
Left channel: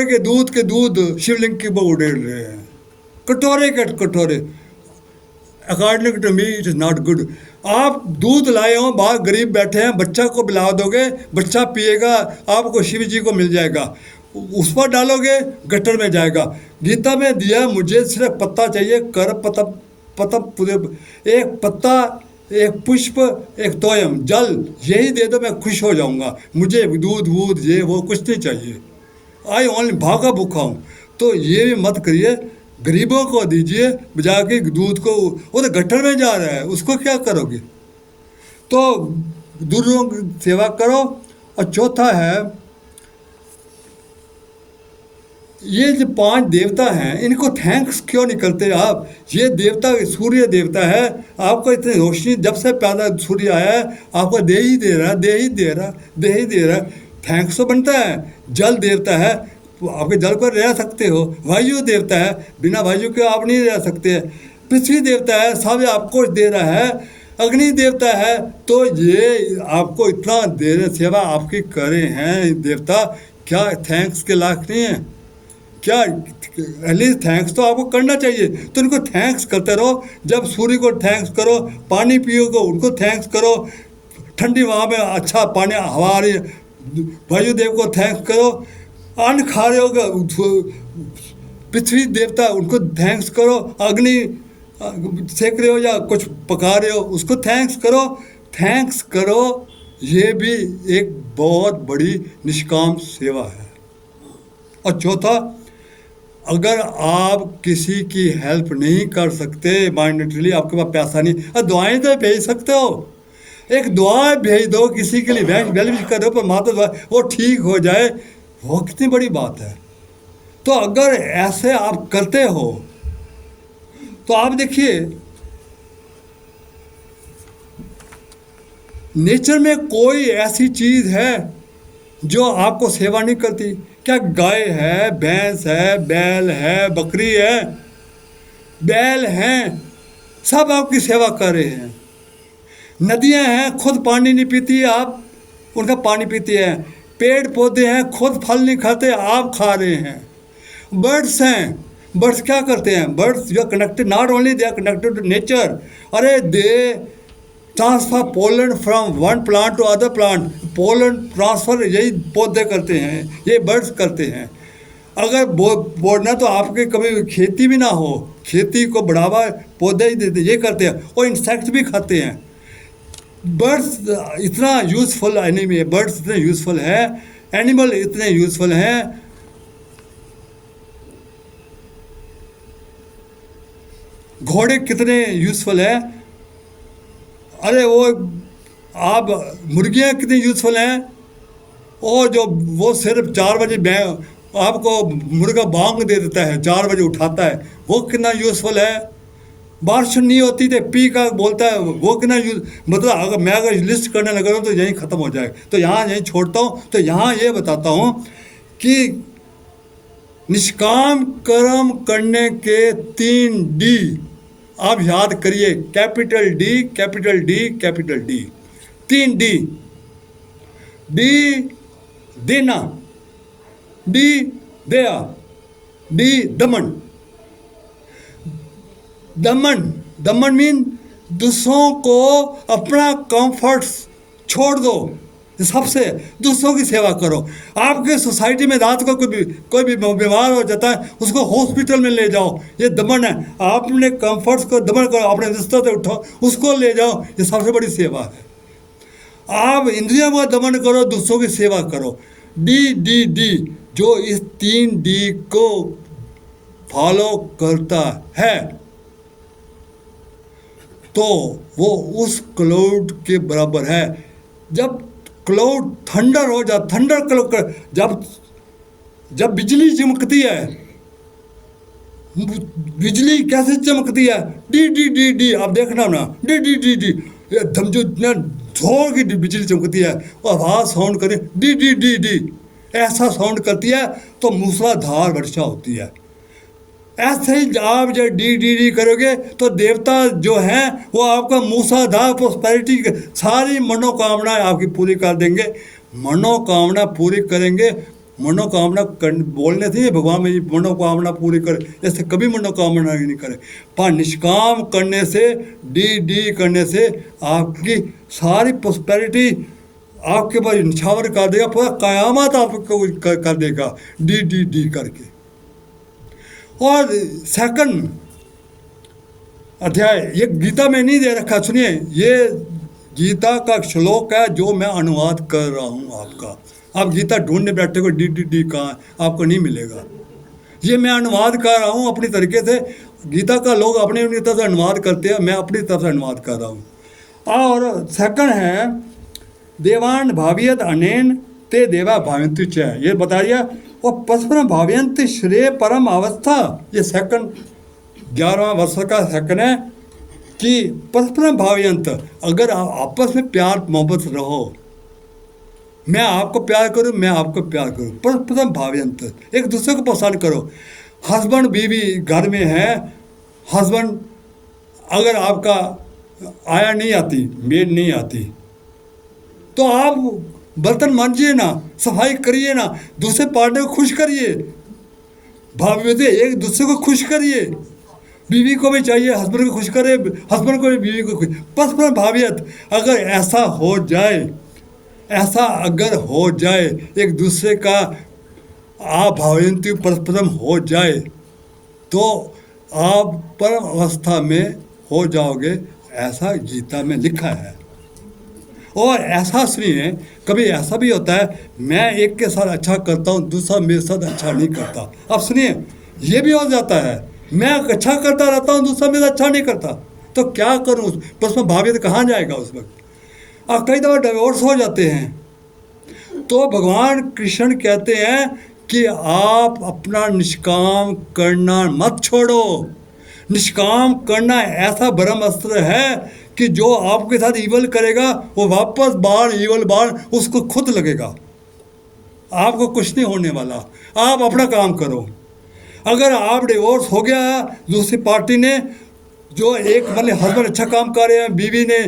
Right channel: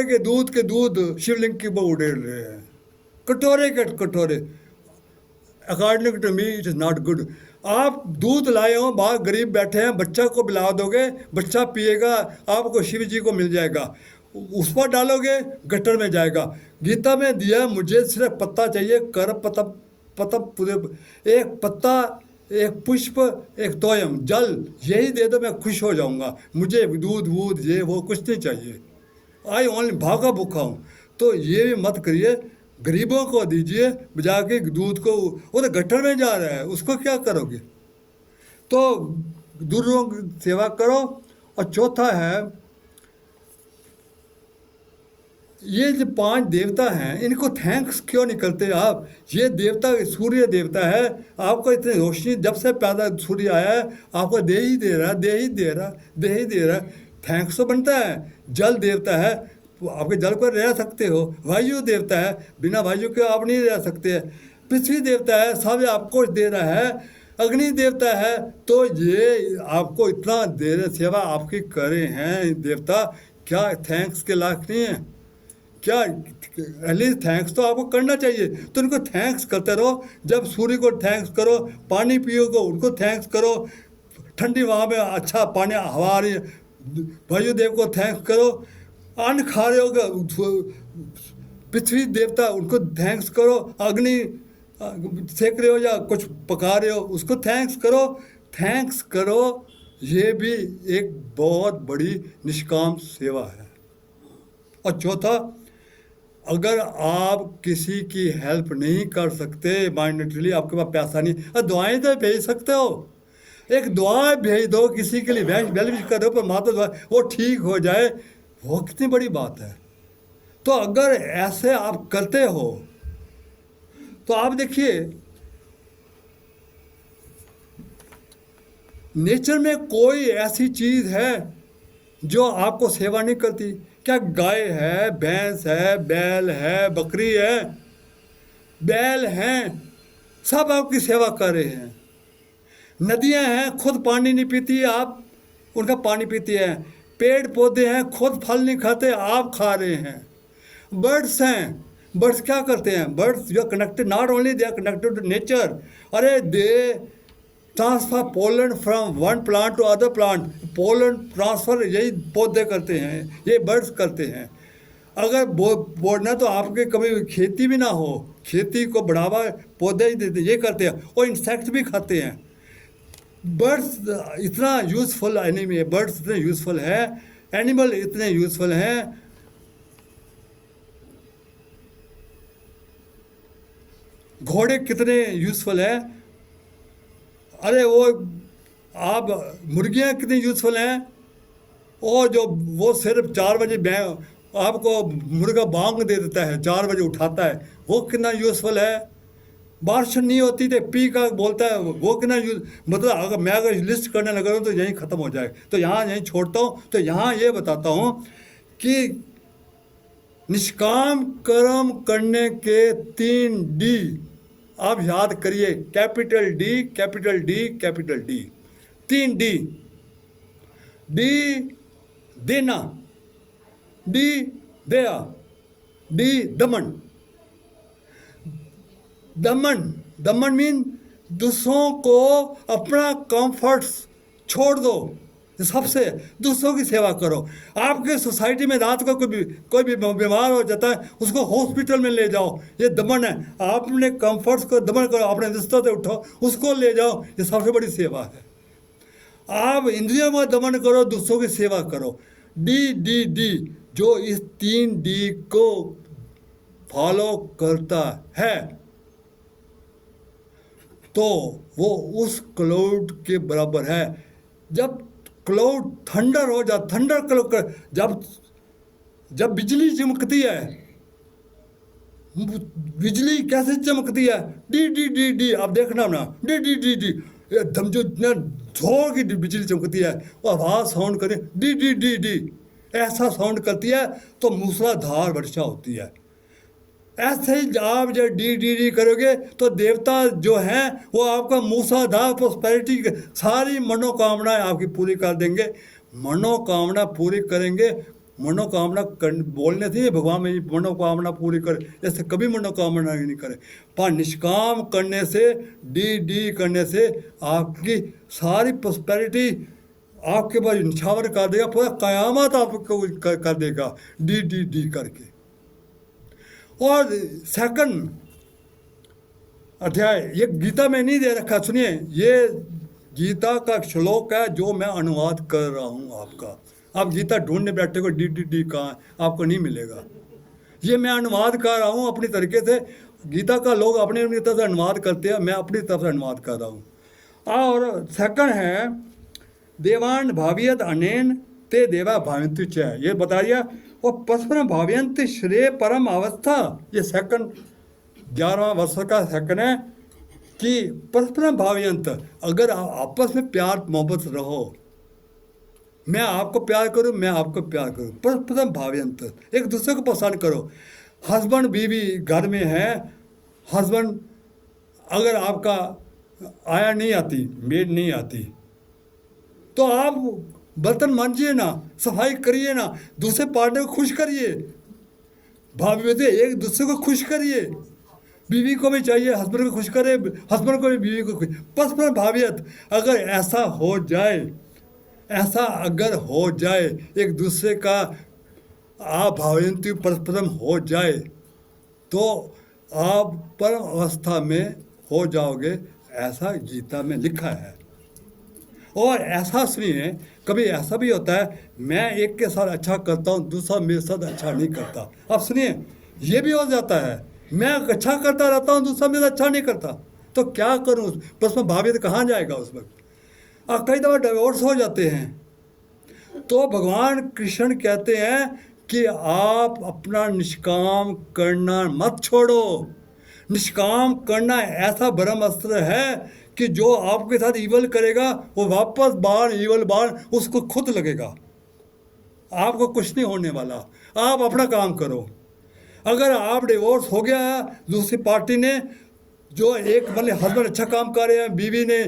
के दूध शिवलिंग के ऊपर उड़ेल रहे हैं, कटोरे के कटोरे। According to me it is not good. आप दूध लाए हो, बाहर गरीब बैठे हैं, बच्चा को पिला दोगे, बच्चा पिएगा, आपको शिव जी को मिल जाएगा, उस पर डालोगे गटर में जाएगा। गीता में दिया मुझे सिर्फ पत्ता चाहिए, कर पतप पतप पूरे, एक पत्ता, एक पुष्प, एक तोयम, जल, यही दे दो, मैं खुश हो जाऊंगा, मुझे दूध वूध ये वो कुछ नहीं चाहिए। आई ओनली भागा भूखा हूँ। तो ये भी मत करिए, गरीबों को दीजिए जाके दूध को, वो तो गटर में जा रहा है, उसको क्या करोगे। तो दूरों की सेवा करो। और चौथा है, ये जो 5 देवता हैं, इनको थैंक्स क्यों नहीं करते आप। ये देवता सूर्य देवता है, आपको इतनी रोशनी जब से पैदा सूर्य आया है, आपको दे ही दे रहा, दे ही दे रहा, दे ही दे रहा, थैंक्स तो बनता है। जल देवता है, तो आपके जल पर रह सकते हो। वायु देवता है, बिना वायु के आप नहीं रह सकते। पृथ्वी देवता है, सब आपको दे रहा है। अग्नि देवता है, तो ये आपको इतना दे रहे, सेवा आपकी करे हैं देवता, क्या थैंक्स के लायक नहीं है क्या। एटलीस्ट थैंक्स तो आपको करना चाहिए, तो उनको थैंक्स करते रहो। जब सूर्य को थैंक्स करो, पानी पियोगे उनको थैंक्स करो, ठंडी हवा में अच्छा पानी हवा आ रही है, वायुदेव को थैंक्स करो। अन्न खा रहे हो, पृथ्वी देवता उनको थैंक्स करो। अग्नि सेक रहे हो या कुछ पका रहे हो, उसको थैंक्स करो। थैंक्स करो, ये भी एक बहुत बड़ी निष्काम सेवा है। और चौथा, अगर आप किसी की हेल्प नहीं कर सकते मॉनिटरली, आपके पास पैसा नहीं, दुआएं तो भेज सकते हो। एक दुआ भेज दो किसी के लिए, वेल विश कर दो, पर माता दुआ वो ठीक हो जाए, वो कितनी बड़ी बात है। तो अगर ऐसे आप करते हो, तो आप देखिए नेचर में कोई ऐसी चीज है जो आपको सेवा नहीं करती। क्या गाय है, भैंस है, बैल है, बकरी है, बैल हैं, सब आपकी सेवा कर रहे हैं। नदियां हैं, खुद पानी नहीं पीती, आप उनका पानी पीते हैं। पेड़ पौधे हैं, खुद फल नहीं खाते, आप खा रहे हैं। बर्ड्स हैं, बर्ड्स क्या करते हैं, birds you are connected, not only they are connected to nature, अरे they transfer pollen from one plant to other plant, pollen transfer यही पौधे करते हैं, ये बर्ड्स करते हैं। अगर बोलना तो आपके कभी खेती भी ना हो, खेती को बढ़ावा पौधे ही देते, ये करते हैं। और इंसेक्ट भी खाते हैं। बर्ड्स इतना यूजफुल एनिमी, बर्ड्स इतने यूजफुल है, एनिमल इतने यूजफुल हैं। घोड़े कितने यूजफुल है, अरे वो आप मुर्गियाँ कितनी यूजफुल हैं। और जो वो सिर्फ 4 बजे आपको मुर्गा बांग दे देता है, 4 बजे उठाता है, वो कितना यूजफुल है। बारिश नहीं होती तो पी का बोलता है, वो कितना यूज, मतलब अगर लिस्ट करने लगा हूँ तो यहीं ख़त्म हो जाए। तो यहाँ यहीं छोड़ता हूँ। तो यहाँ ये बताता हूँ कि निष्काम कर्म करने के 3 डी आप याद करिए, capital D, capital D, capital D, 3 D. D देना, डी दया, डी दमन। दमन, दमन मीन दूसरों को अपना कंफर्ट छोड़ दो, सबसे दूसरों की सेवा करो। आपके सोसाइटी में रात को कोई भी बीमार हो जाता है, उसको हॉस्पिटल में ले जाओ, ये दमन है। आपने कंफर्ट्स को दमन करो, अपने रिश्तों से उठो, उसको ले जाओ, ये सबसे बड़ी सेवा है। आप इंद्रियों को दमन करो, दूसरों की सेवा करो। डी डी डी, जो इस 3 डी को फॉलो करता है तो वो उस क्लाउड के बराबर है। जब क्लाउड थंडर हो जा, थंडर क्लाउड, जब बिजली चमकती है, बिजली कैसे चमकती है, डी डी डी डी, आप देखना ना, डी डी डी डी, जो जोर की बिजली चमकती है, और आवाज साउंड करे डी डी डी डी, ऐसा साउंड करती है तो मूसलाधार वर्षा होती है। ऐसे ही आप जब डी डी डी करोगे तो देवता जो हैं वो आपका मूसलाधार प्रोस्पेरिटी सारी मनोकामनाएं आपकी पूरी कर देंगे। मनोकामना पूरी करेंगे मनोकामना बोलने से भगवान मेरी मनोकामना पूरी करे, ऐसे कभी मनोकामना नहीं करे। पर निष्काम करने से, डी करने से आपकी सारी प्रॉस्पेरिटी आपके ऊपर निछावर कर देगा, पूरा कयामत आपको कर देगा डी करके। और सेकंड अध्याय ये गीता में नहीं दे रखा, सुनिए, ये गीता का श्लोक है जो मैं अनुवाद कर रहा हूँ आपका। आप गीता ढूंढने बैठे हो डी कहाँ, आपको नहीं मिलेगा। ये मैं अनुवाद कर रहा हूँ अपनी तरीके से। गीता का लोग अपनी अपनी तरफ से अनुवाद करते हैं, मैं अपनी तरफ से अनुवाद कर रहा हूँ। और सेकंड है देवान भावियत अनेन ते देवा भावंतु च, ये बता दिया। और परस्पर भावयंत श्रेय परम अवस्था, ये सेकंड 11वां वर्ष का सेकंड है कि परस्पर भावयंत, अगर आप आपस में प्यार मोहब्बत रहो, मैं आपको प्यार करूं, मैं आपको प्यार करूं, परस्पर भावयंत, एक दूसरे को पसंद करो। हस्बैंड बीवी घर में है, हस्बैंड अगर आपका आया नहीं आती, मेड नहीं आती, तो आप बर्तन मांजिए ना, सफाई करिए ना, दूसरे पार्टनर को खुश करिए, भाभी से एक दूसरे को खुश करिए। बीवी को भी चाहिए हस्बैंड को खुश करे, हस्बैंड को भी बीवी को खुश, परस्पर भावियत। अगर ऐसा हो जाए, ऐसा अगर हो जाए, एक दूसरे का आप भावयंती परस्परम हो जाए, तो आप परम अवस्था में हो जाओगे, ऐसा गीता में लिखा है। और ऐसा सुनिए, कभी ऐसा भी होता है मैं एक के साथ अच्छा करता हूँ, दूसरा मेरे साथ अच्छा नहीं करता। अब सुनिए, ये भी हो जाता है, मैं अच्छा करता रहता हूँ, दूसरा मेरा अच्छा नहीं करता, तो क्या करूँ? परस्पर भावित कहाँ जाएगा उस वक्त? और कई दफ़ा डिवोर्स हो जाते हैं। तो भगवान कृष्ण कहते हैं कि आप अपना निष्काम करना मत छोड़ो। निष्काम करना ऐसा ब्रह्म अस्त्र है कि जो आपके साथ ईवल करेगा, वो वापस बाढ़ ईवल बाढ़ उसको खुद लगेगा, आपको कुछ नहीं होने वाला। आप अपना काम करो। अगर आप डिवोर्स हो गया, दूसरी पार्टी ने, जो एक मतलब हस्बैंड अच्छा काम कर रहे हैं, बीवी ने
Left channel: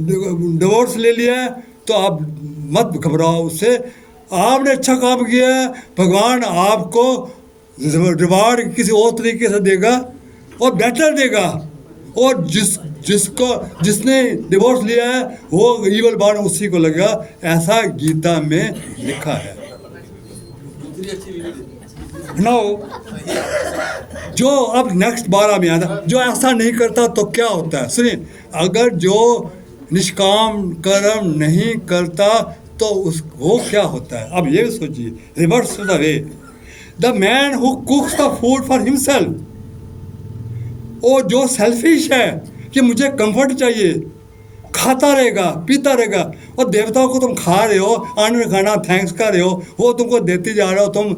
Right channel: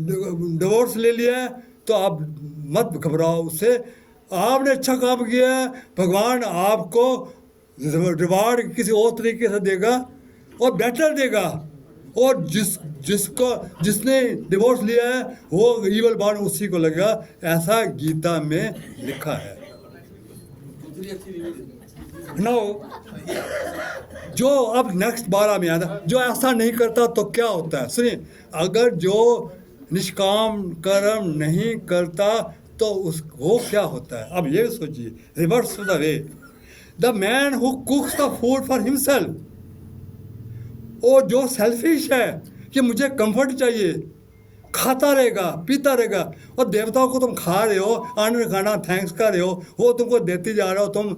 डिवोर्स ले लिया है, तो आप मत घबराओ उससे। आपने अच्छा काम किया है, भगवान आपको रिवार्ड किसी और तरीके से देगा और बेटर देगा। और जिसने डिवोर्स लिया है वो ईवल बार उसी को लगेगा, ऐसा गीता में लिखा है। नो, जो अब नेक्स्ट 12 में आता, जो ऐसा नहीं करता तो क्या होता है? सुनिए, अगर जो निष्काम कर्म नहीं करता तो वो क्या होता है? अब ये भी सोचिए, reverse the way, the man who कुक्स the food for himself, वो जो सेल्फिश है कि मुझे कंफर्ट चाहिए, खाता रहेगा, पीता रहेगा, और देवताओं को तुम खा रहे हो, अन्न खाना थैंक्स कर रहे हो, वो तुमको देते जा रहे हो। तुम,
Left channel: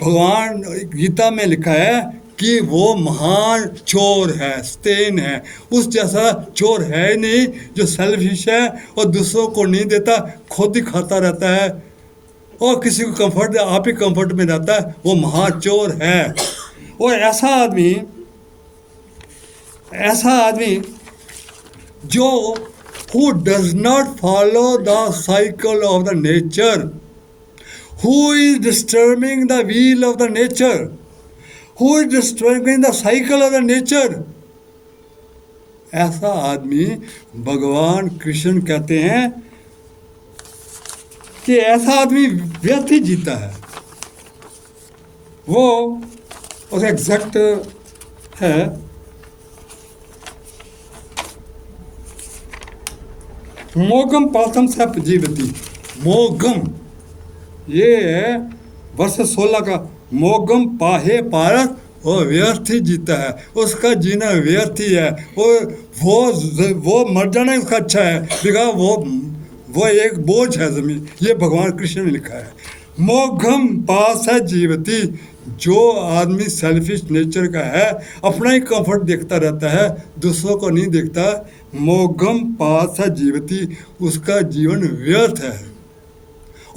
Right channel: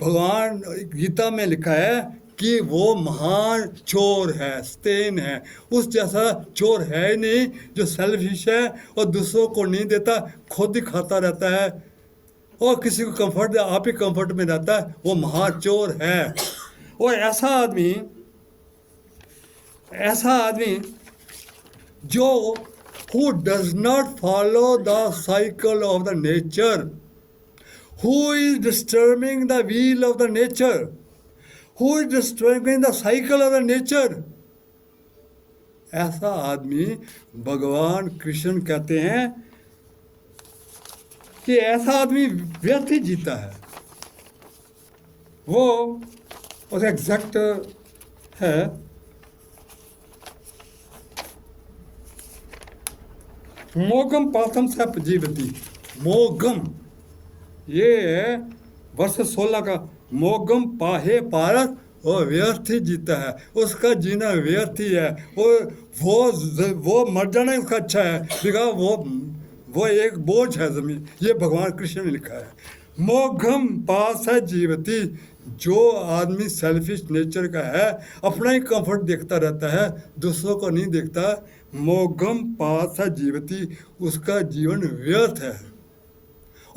भगवान गीता में लिखा है कि वो महान चोर है, स्तेन है, उस जैसा चोर है नहीं जो सेल्फिश है और दूसरों को नहीं देता, खुद ही खाता रहता है और किसी को कंफर्ट, आप ही कंफर्ट में रहता है, वो महान चोर है। और ऐसा आदमी जो who does not follow the cycle of the nature, who is disturbing the wheel of the nature, who is disturbing the cycle of the nature, ऐसा आदमी भगवान कृष्ण कहते हैं कि ऐसा आदमी व्यर्थ ही जीता है। वो उस एग्जैक्ट है, मोगम पाथम सप जीवती। मोगम, ये है वर्ष 16 का, मोगम पाहे पारस, वो व्यर्थ ही जीता है, उसका जीना व्यर्थ ही है। वो मर जाना उसका अच्छा है, बिकॉज वो एक बोझ है जमीन, ये भगवान कृष्ण ने लिखा है। मोघम पास है जीवती, जो आदमी सेल्फिश नेचर का है, अपना ही कंफर्ट देखता रहता है, दूसरों को नहीं देखता, मोघम पास है जीवती, उसका जीवन व्यर्थ है।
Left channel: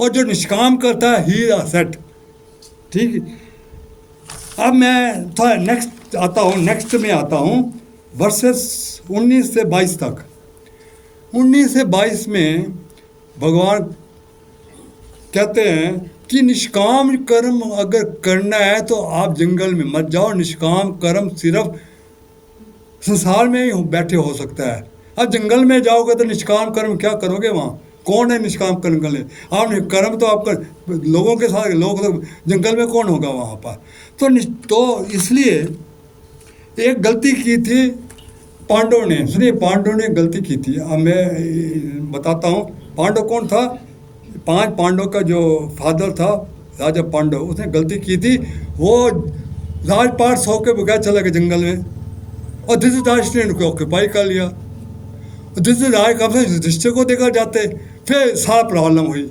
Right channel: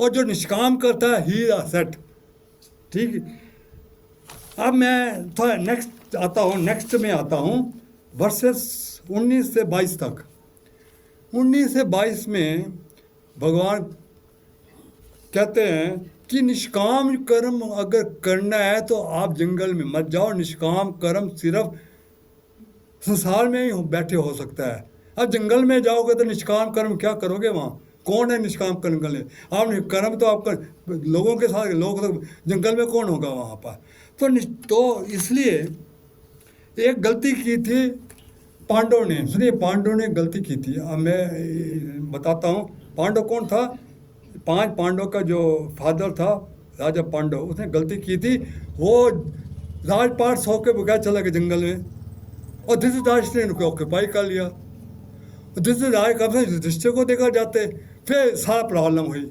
और जो निष्काम करता है ही सेट। ठीक, अब मैं थोड़ा नेक्स्ट में आता हूँ, वर्सेस 19 से 22 तक। 19 से 22 में भगवान कहते हैं कि निष्काम कर्म अगर करना है तो आप जंगल में मत जाओ। निष्काम कर्म सिर्फ संसार में ही बैठे हो सकता है। अब जंगल में जाओगे तो निष्काम कर्म क्या करोगे वहाँ? कौन है निष्काम कर्म कर ले? आप कर्म तो आपका लोगों के साथ, लोग तो जंगल में कौन होगा वहाँ पर? तो इसलिए एक गलती की थी पांडवों ने। सुनिए, पांडवों ने गलती की थी। अब मैं बताता हूँ पांडव कौन था। 5 पांडव का जो फादर था राजा पांडव, उसने गलती की थी। वो राजपाट सौ के बगैर चला गया जंगल में और धृतराष्ट्र ने उनको ऑक्यूपाई कर लिया। धृतराष्ट्र कब से युधिष्ठिर को देकर जाते, फिर सारा प्रॉब्लम हुई।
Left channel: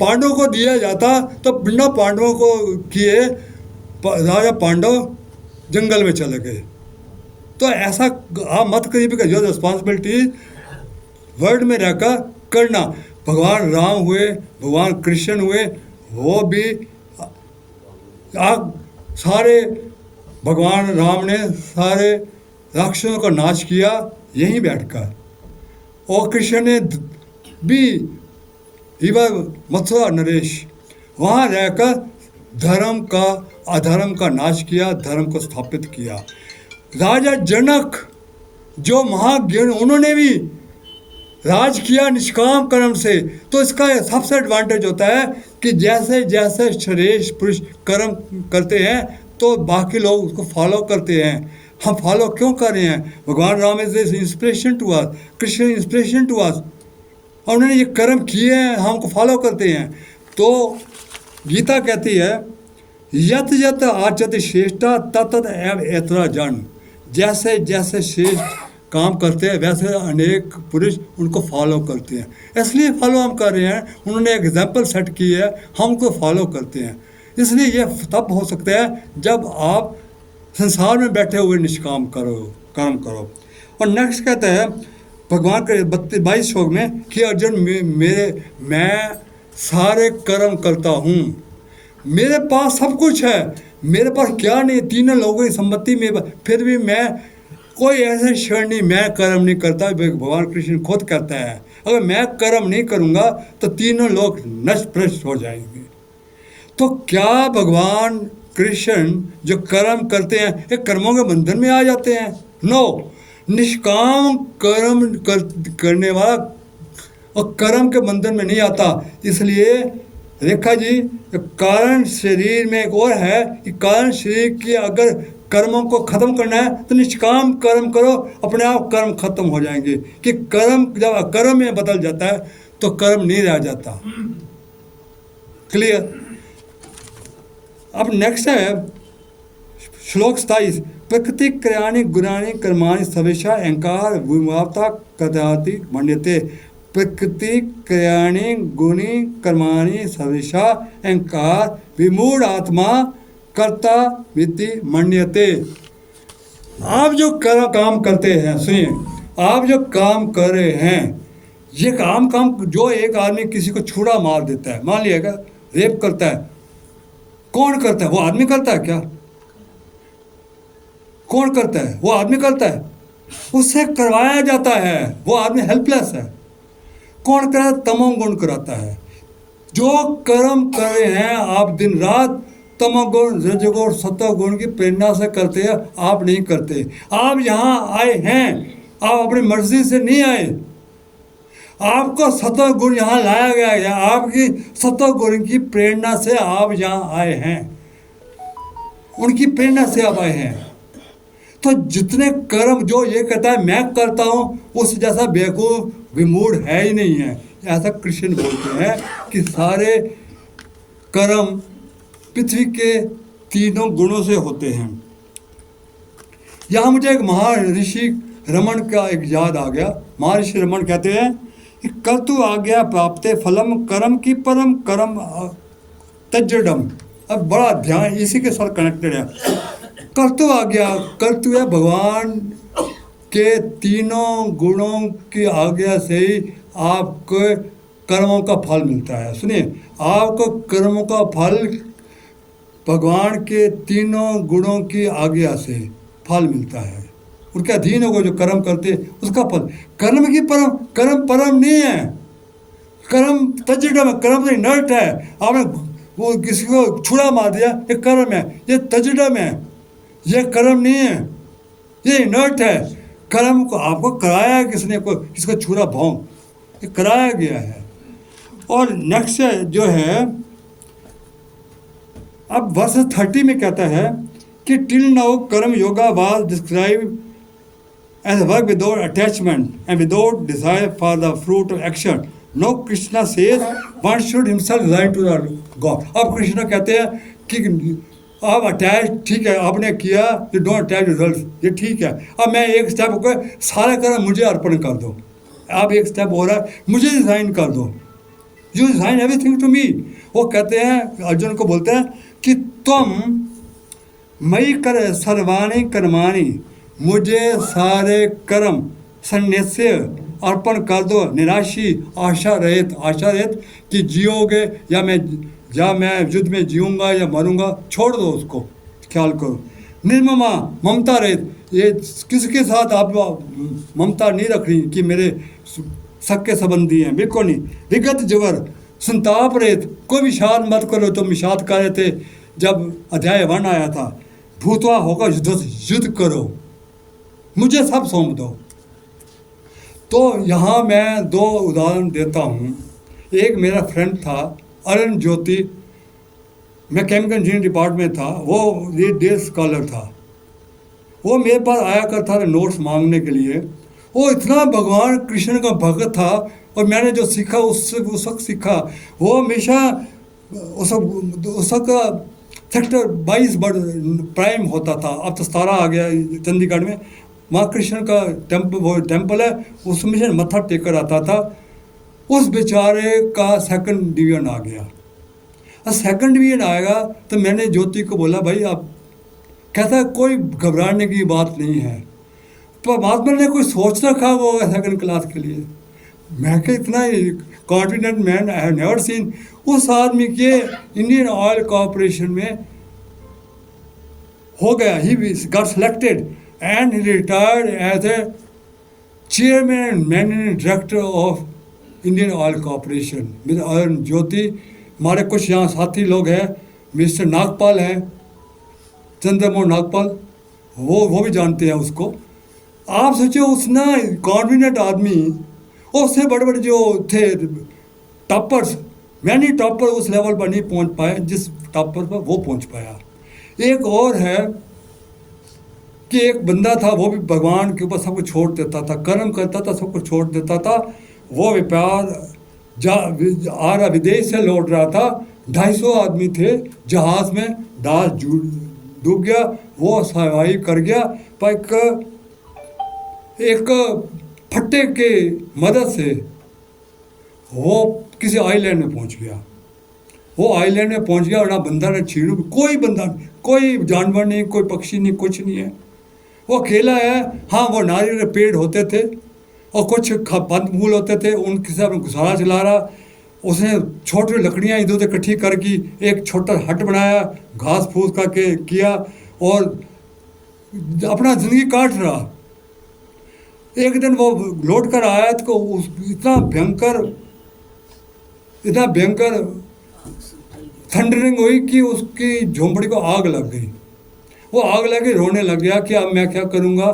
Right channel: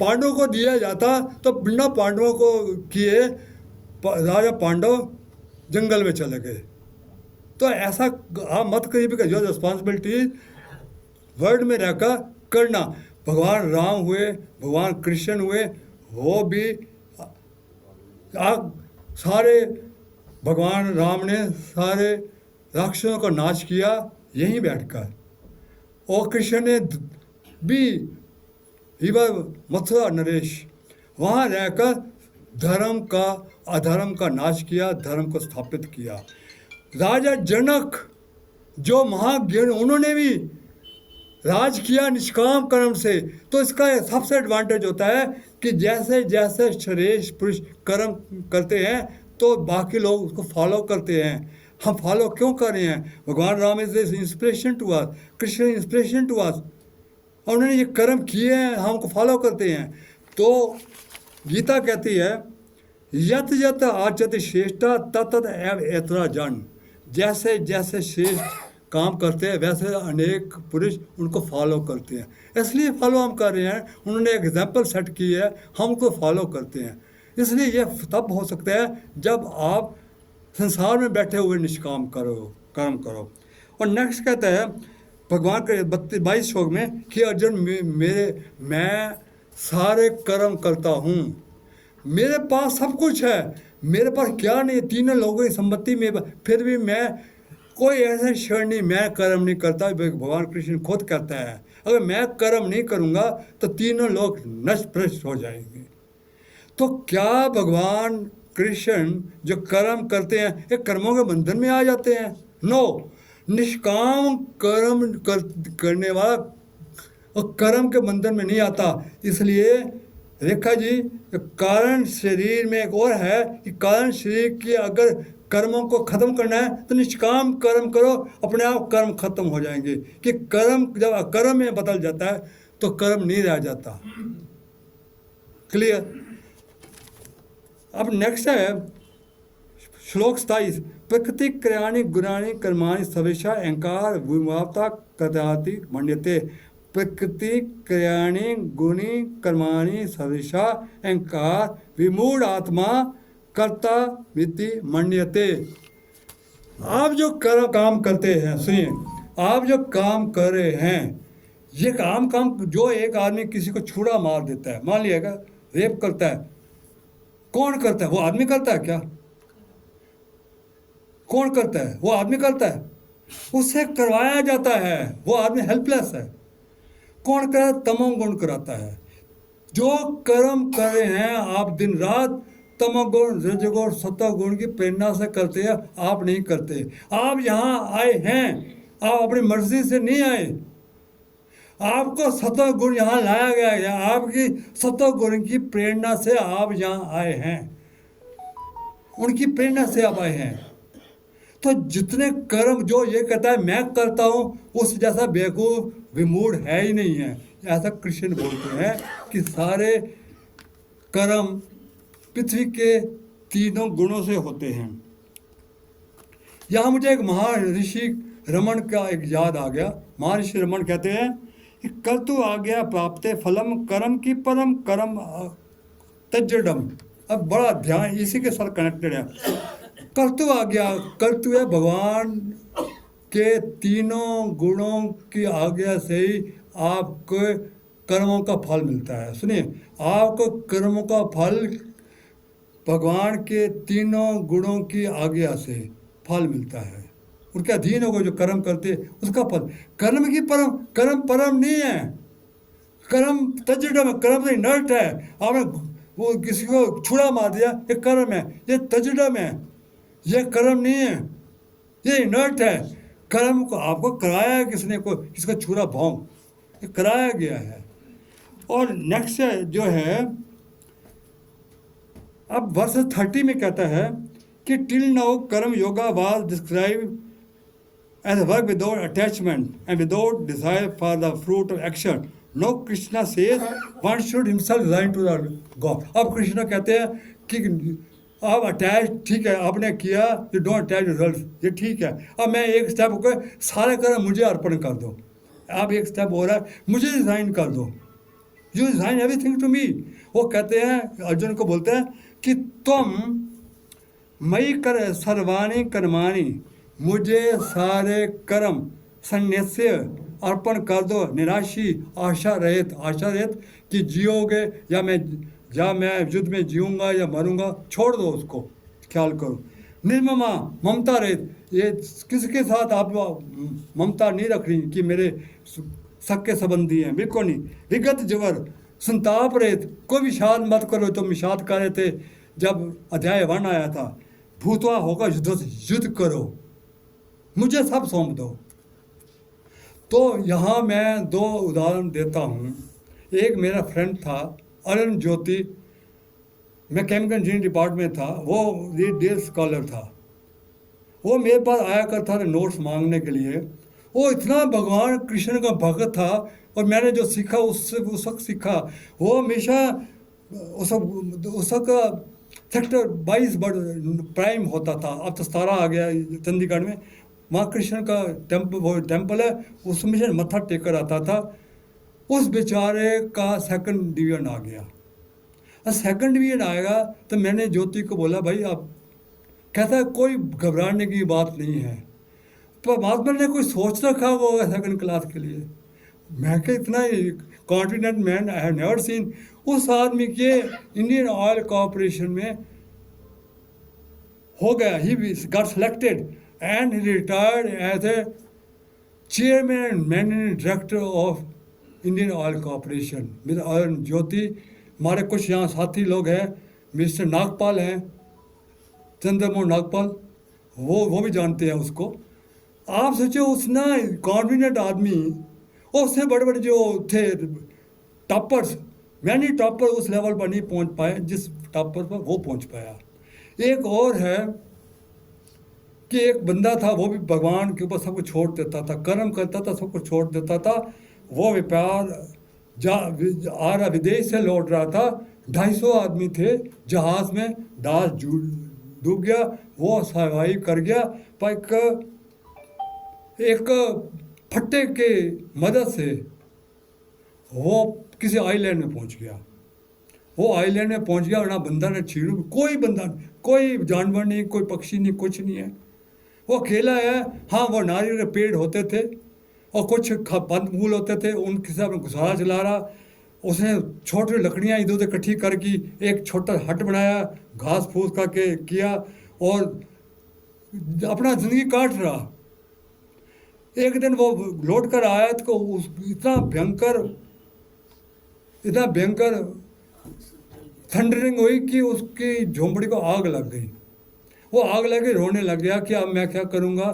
पांडवों को दिया जाता तो बिना पांडवों को किए राजा पांडव जंगल में चले गए। तो ऐसा आप मत करिए। जो रिस्पॉन्सिबिलिटी वर्ल्ड में रहकर करना, भगवान राम हुए, भगवान कृष्ण हुए, वो भी आप सारे, भगवान राम ने सारे राक्षसों का नाश किया यहीं बैठकर, और कृष्ण ने भी मथुरा नरेश वहाँ रहकर धर्म का अधर्म का नाश किया, धर्म को स्थापित किया। राजा जनक जो महाज्ञानी, उन्होंने भी राज किया निष्काम कर्म से। तो इसका सबसे एडवांटेज होता है कि जैसे जैसे श्रेष्ठ पुरुष कर्म करते हैं तो बाकी लोग उसको फॉलो करते हैं। हम फॉलो क्यों कर रहे हैं? भगवान Ram is inspiration to us, Krishna inspiration to us, और उन्होंने ये कर्म किए हैं, हमको फॉलो करते हैं। तो गीता कहती है यत यत आचत श्रेष्ठा तत एव एतरा जन। जैसे जैसे श्रेष्ठ काम करते हैं वैसे अनेक पुरुष उनको फॉलो करते हैं। इसलिए फॉलो हम कर रहे हैं, उन्होंने एग्जाम्पल सेट की है, हम उनको फॉलो करते हैं। इसलिए ये तब हो सकता है जब आप संसार में बैठे हुए निष्काम काम करो। और नेक्स्ट कहते हैं भगवान के 22 श्लोक में कि अर्जुन मैं सारे कर्म करता हूँ, मेरे पास सब कुछ है, मेरे पास क्या नहीं, 3 लोगों की संपत्ति में, फिर भी मैं कोई ऐसे क्षण नहीं मैं कर्म नहीं करता। भगवान कृष्ण खुद कहता है अगर मैं कर्म नहीं करूँगा तो 3 लोग नष्ट भ्रष्ट हो जाएंगे। तो क्या भगवान कृष्ण जो कर्म करते हैं ये कर्मों के बंधन में आ जाते हैं? नो, निष्काम कर्म करने वाला और कर्म के बंधन में नहीं आता। इसलिए रेखा जी, कारण शरीर में एक और है कि कारण शरीर की अगर कर्मों को खत्म करना है तो निष्काम कर्म करो, अपने आप कर्म खत्म हो जाएंगे। कि कर्म जब अकर्म में बदल जाता है तो कर्म नहीं रह जाता। क्लियर? अब नेक्स्ट है श्लोक 27, प्रकृति क्रियाणि गुणानि कर्माणि सर्वेषां अहंकार विमूढता कदाति मन्यते। प्रकृति क्रियाणि गुणी कर्माणि सर्वेषां अहंकार विमूढ़ आत्मा कर्ता विति मन्यते। आप जो काम करते हैं, सुनिए, आप जो काम कर रहे हैं ये काम जो एक आदमी किसी को छुरा मार देता है, मान लिएगा रेप करता है, कौन करता है? वो आदमी करता है क्या? कौन करता है? वो आदमी करता है, उससे करवाया जाता है, वो आदमी हेल्पलेस है। कौन कराता? तमोगुण कराता है। जो कर्म कर रहे हैं आप दिन रात तमोगुण रजोगुण सत्वगुण की प्रेरणा से करते हैं, आप नहीं करते। आप यहाँ आए हैं, आप अपनी मर्जी से नहीं आए, आपको सत्व गुण यहाँ लाया गया है, आपकी सत्व गुण की प्रेरणा से आप यहाँ आए हैं, उनकी प्रेरणा से आप आए हैं। तो जितने कर्म जो ये कहता है मैं करता हूँ, उस जैसा बेवकूफ विमूढ़ है ही नहीं है। ऐसा कृष्ण बोलते हैं कि सारे कर्म पृथ्वी के 3 गुणों से होते हैं। यहाँ मुझे एक महर्षि रमन का एक याद आ गया। महर्षि रमन कहते हैं कि कर्तु आज्ञा प्राप्ते फलम कर्म की परम कर्म तज्जडम। अब बड़ा ध्यान इसी के साथ कनेक्टेड है। कर्तु आज्ञा, कर्तु है भगवान के 3 गुणों की आज्ञा से ही आपको कर्मों का फल मिलता है। सुनिए, आपको कर्मों का फल भगवान के 3 गुणों की आज्ञा से फल मिलता है। उनके अधीन होगा जो कर्म करते उसका फल। कर्म की कर्म परम नहीं है, कर्म तज्जडम है, कर्म नहीं नट है। आपने वो किसी को छुरा मार दिया, ये कर्म है, ये तजडम है, ये कर्म नहीं है, ये इनर्ट है। कर्म को आपको कराया है किसने, को किसको छुरा भोंग, ये कराया गया है। और नेक्स्ट जो है, अब वर्ष 30 में कहता है कि till now karma yoga was describe as work without attachment and without desire for the fruit of action. No Krishna says one should himself resign to the God. अब कृष्णा कहते हैं कि आप अटैच, ठीक है आपने किया, यू डोंट अटैच रिजल्ट, ये ठीक है। अब मैं एक स्टेप होकर सारा कर्म मुझे अर्पण कर दो, आप एक स्टेप हो रहा है मुझे रिजाइन कर दो, you resign everything to me. वो कहते हैं, अर्जुन को बोलते हैं कि तुम मई कर सर्वाणी कर्माणी, मुझे सारे कर्म संन्यास्य अर्पण कर दो, निराशी आशा रहित कि जियोगे या मैं युद्ध में जीऊँगा या मरूंगा, छोड़ दो उसको, ख्याल करो। निर्ममा ममता रहित, ये किसके साथ आप ममता नहीं रख रही कि मेरे सक्के संबंधी हैं, बिल्कुल नहीं। विगत जबर संताप रहित, कोई विषाद मत करो, तो विषाद कर रहे थे जब अध्याय 1 आया था। भूतवा होकर युद्ध करो, मुझे सब सौंप दो। तो यहाँ मैं 2 उदाहरण देता हूँ। एक मेरा फ्रेंड था अरुण ज्योति, मैं केमिकल इंजीनियरिंग डिपार्टमेंट था, वो ये डे स्कॉलर था। वो मेरे पास आया करता था नोट्स मांगने के लिए। वो इतना भगवान कृष्ण का भक्त था, और मैंने जो सीखा उससे उस वक्त सीखा। वो हमेशा उस वक्त सेक्टर 22 प्राइम होता था, अब तो 17 आ गया चंडीगढ़ में। माँ कृष्ण का टेम्पल है, उसमें से मत्था टेकर आता था। उस बेचारे का 2nd डिवीजन आ गया। और 2nd डिवीजन आएगा तो मैंने ज्योति को बोला, भाई आप, कहता कोई घबराने की बात नहीं है, परमात्मा ने कोई सोच रखा होगा 2nd क्लास के लिए। मैं क्या इतना confident man I have never seen. उस आदमी के इंडियन ऑयल कॉर्पोरेशन में हो गया, he got selected and he retired as a chairman and managing director of Indian Oil Corporation. Mister Arun Jyoti, हमारे कुछ यहाँ साथी लोग हैं, मिस्टर नागपाल है, चंद्रमोहन नागपाल, वो भी जानते हैं उसको। आप सोचो उस ना कॉन्फिडेंट आदमी, और उससे बड़े बड़े जो थे टॉपर्स, मैंने टॉपर उस लेवल पर नहीं पहुंच पाए जिस टॉपर पर वो पहुंच पाया। एक और है कि एक बंदा था, वो भी भगवान के ऊपर सब कुछ छोड़ देता था, कर्म करता था, सब कुछ छोड़ देता था। वो व्यापार आ रहा, विदेश से लौट रहा था, 250 आदमी थे जहाज में, जहाज डूब गया, वो सर्वाइव कर गया। पर एक फट्टे के मदद से वो किसी आइलैंड में पहुंच गया। वो आइलैंड में पहुंच गया और ना बंदा ने छीड़ू, कोई बंदा, कोई जानवर नहीं, कोई पक्षी नहीं, कुछ नहीं है। वो अकेला है। हाँ, वो नारियल के पेड़ होते थे और कुछ फल फूल होते थे, उनके से अपना गुजारा चला रहा। उसने छोटी लकड़ियाँ इधर उधर इकट्ठी करके एक छोटा हट बनाया, घास फूस करके किया और अपना जिंदगी काट रहा। एक दिन वो लौट कर आया तो इतना भयंकर थंडरिंग हुई कि उसकी झोंपड़ी को आग लग गई। वो आग लगी, रोने लग गया कि अब मैं क्या करूँगा,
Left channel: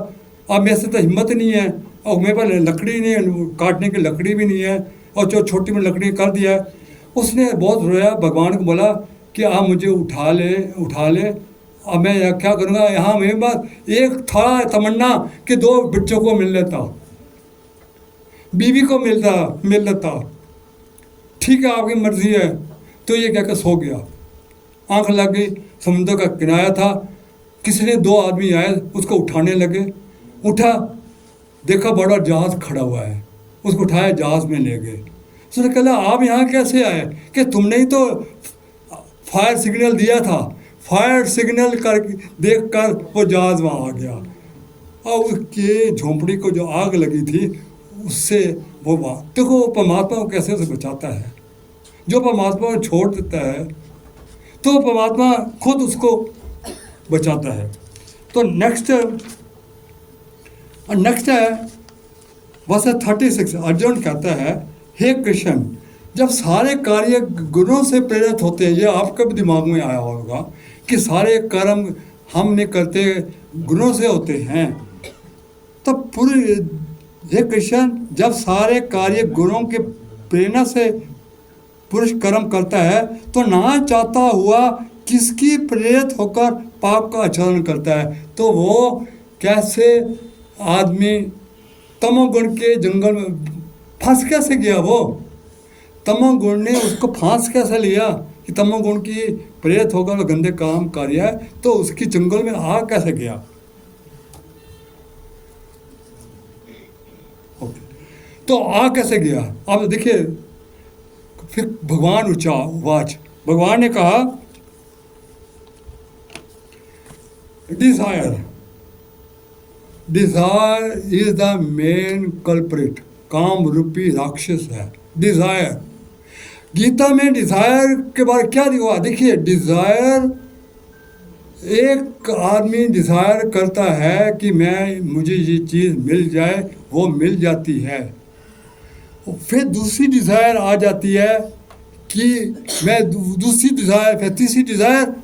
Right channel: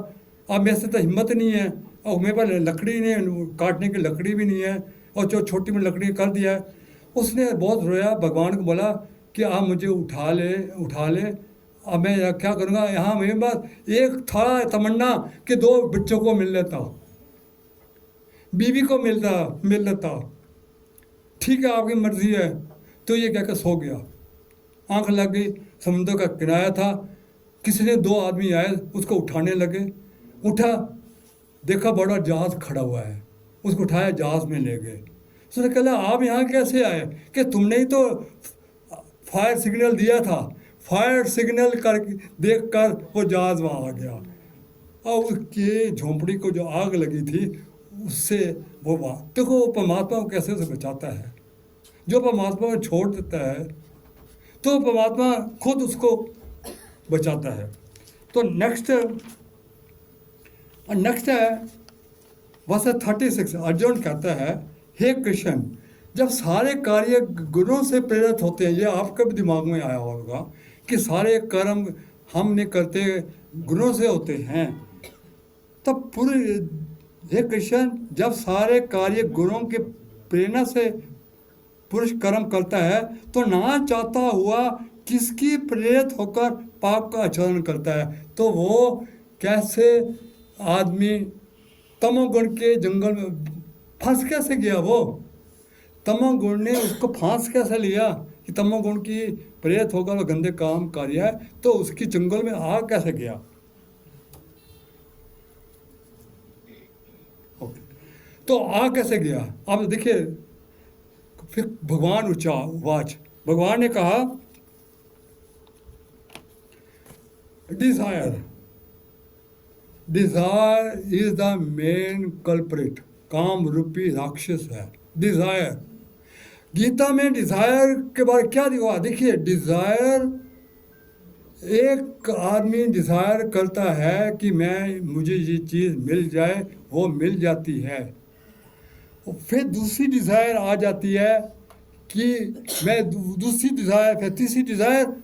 अब मेरे से तो हिम्मत नहीं है, और मेरे पास लकड़ी नहीं है, काटने की लकड़ी भी नहीं है, और जो छोटी में लकड़ी कर दिया है। उसने बहुत रोया, भगवान को बोला कि आप मुझे उठा ले, अब मैं क्या करूँगा। यहाँ मेरे पास एक था तमन्ना कि 2 बच्चों को मिल लेता, बीवी को मिल लेता, ठीक है आपकी मर्जी है। तो ये कहकर सो गया। आंख लग गई, समुद्र का किनारा था, किसी ने 2 आदमी आए, उसको उठाने लगे। उठा, देखा बड़ा जहाज खड़ा हुआ है, उसको उठाया, जहाज में ले गए। उसने कहा आप यहाँ कैसे आए? कि तुमने ही तो फायर सिग्नल दिया था, फायर सिग्नल कर देख कर वो जहाज वहाँ आ गया। और उसके झोंपड़ी को जो आग लगी थी उससे वो देखो परमात्मा को कैसे उसे बचाता है। जो परमात्मा को छोड़ देता है तो परमात्मा खुद उसको बचाता है। तो नेक्स्ट है वर्स 36। अर्जुन कहता है, हे कृष्ण जब सारे कार्य गुणों से प्रेरित होते हैं, ये आपके भी दिमाग में आया होगा कि सारे कर्म हम नहीं करते, गुणों से होते हैं। तो पूरे ये कृष्ण, जब सारे कार्य गुणों के प्रेरणा से पुरुष कर्म करता है तो ना चाहता हुआ किसकी प्रेरित होकर पाप का आचरण करता है। तो वो कैसे आदमी तमोगुण के जंगल में फंस कैसे गया, वो तमोगुण ने उसको फांस कैसे लिया कि तमोगुण की प्रेरित होकर गंदे काम कर रहा है, तो उसकी जंगल में आ कैसे गया। तो आ कैसे गया, अब देखिए फिर भगवान वाच भगवान ने कहा desire is the main culprit, काम रूपी राक्षस है डिजायर। गीता में डिजायर के बारे क्या दिखा, देखिए डिजायर, एक आदमी डिजायर करता है कि मुझे ये चीज़ मिल जाए, वो मिल जाती है। फिर दूसरी डिजायर आ जाती है कि मैं दूसरी डिजायर, फिर तीसरी डिजायर।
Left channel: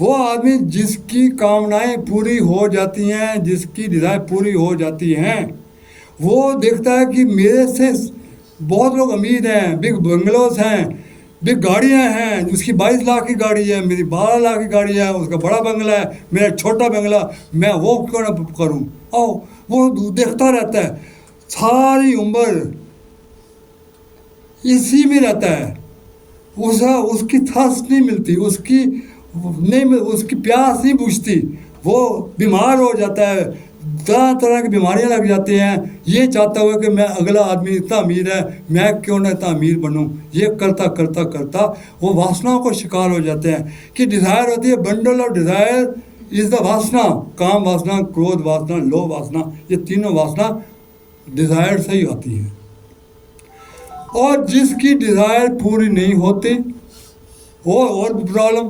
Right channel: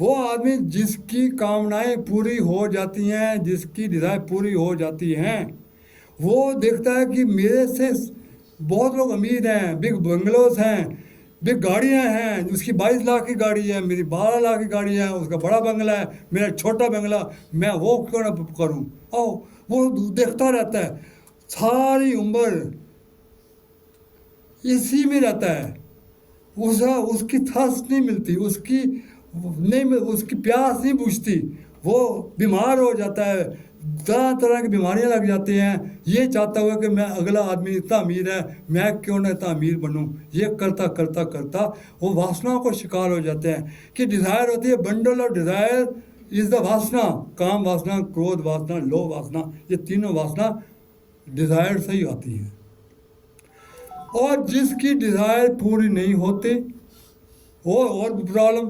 वो आदमी जिसकी कामनाएं पूरी हो जाती हैं, जिसकी डिजायर पूरी हो जाती हैं, वो देखता है कि मेरे से बहुत लोग अमीर हैं, बिग बंगलोज हैं, बिग गाड़ियां हैं, उसकी 22 लाख की गाड़ी है, मेरी 12 लाख की गाड़ी है, उसका बड़ा बंगला है, मेरा छोटा बंगला, मैं वो क्यों ना करूं। और वो देखता रहता है सारी उम्र, इसी में रहता है। उसकी थर्स्ट नहीं मिलती, उसकी प्यास नहीं बुझती, वो बीमार हो जाता है, तरह तरह की बीमारियां लग जाती हैं, ये चाहता हुआ कि मैं अगला आदमी इतना अमीर है, मैं क्यों ना इतना अमीर बनूं। ये करता करता करता वो वासनाओं को शिकार हो जाते हैं कि डिज़ायर होती है, bundle of desire is the वासना, काम वासना, क्रोध वासना, लोभ वासना, ये तीनों वासना डिज़ायर से ही आती हैं। और जिसकी डिज़ायर पूरी नहीं होती, वो और प्रॉब्लम,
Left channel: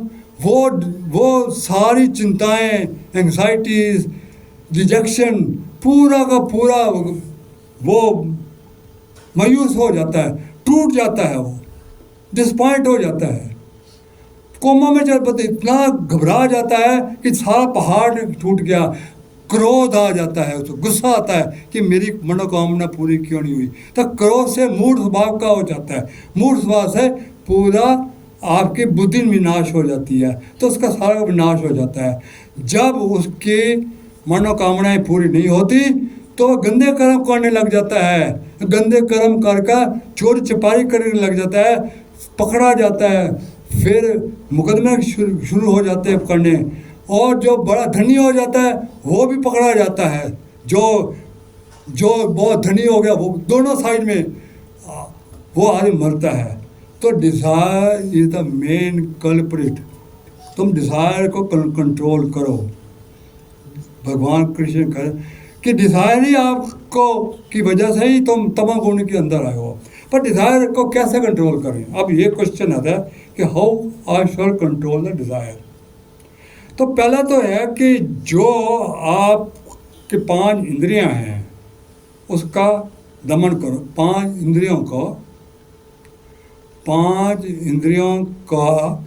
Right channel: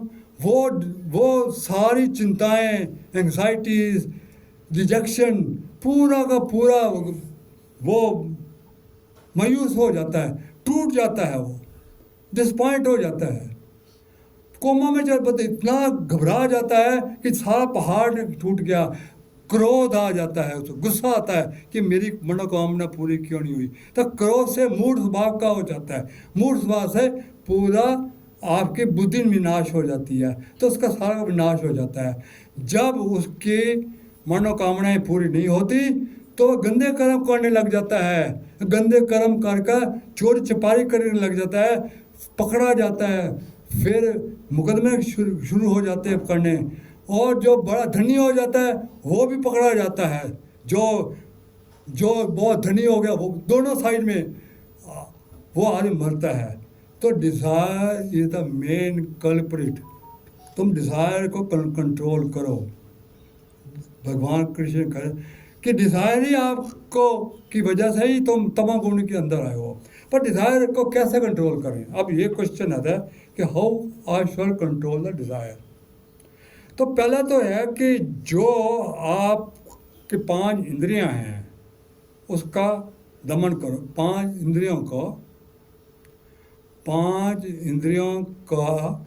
वो सारी चिंताएं, एंग्जाइटीज, रिजेक्शन, पूरा का पूरा वो मायूस हो जाता है, टूट जाता है, वो डिसपॉइंट हो जाता है, कोमा में चल पाते, इतना घबरा जाता है कि सारा पहाड़ टूट गया। क्रोध आ जाता है, उसको गुस्सा आता है कि मेरी मनोकामना पूरी क्यों नहीं हुई। तो क्रोध से मूढ़ स्वभाव का हो जाता है, मूढ़ स्वभाव से पूरा आपकी बुद्धि विनाश हो जाती है, तो उसका सारा विनाश हो जाता है। जब उसकी मनोकामनाएं पूरी नहीं होती तो गंदे कर्म करने लग जाता है, गंदे कर्म कर चोरी चपारी करने लग जाता है, पकड़ा जाता है, फिर मुकदमे शुरू हो जाते हैं करने, और जो बड़ा धनी हो जाता है वो भी पकड़ा जाता है, जो बहुत धनी हो गया वो दोनों साइड में वो आदमी मरता है। तो desire is the main culprit. तुम डिज़ायर को कंट्रोल करो, भगवान कृष्ण करें कि डिज़ायर ही आपको की वजह से ही तुम तमोगुण के अंदर आए हो। पर डिज़ायर को कैसे कंट्रोल करें, अब ये क्वेश्चन आता है कि how I shall control the desire. तो पहला तो है कि जो आपके 5 इंद्रियां हैं उसका दमन करो, 5 इंद्रियों का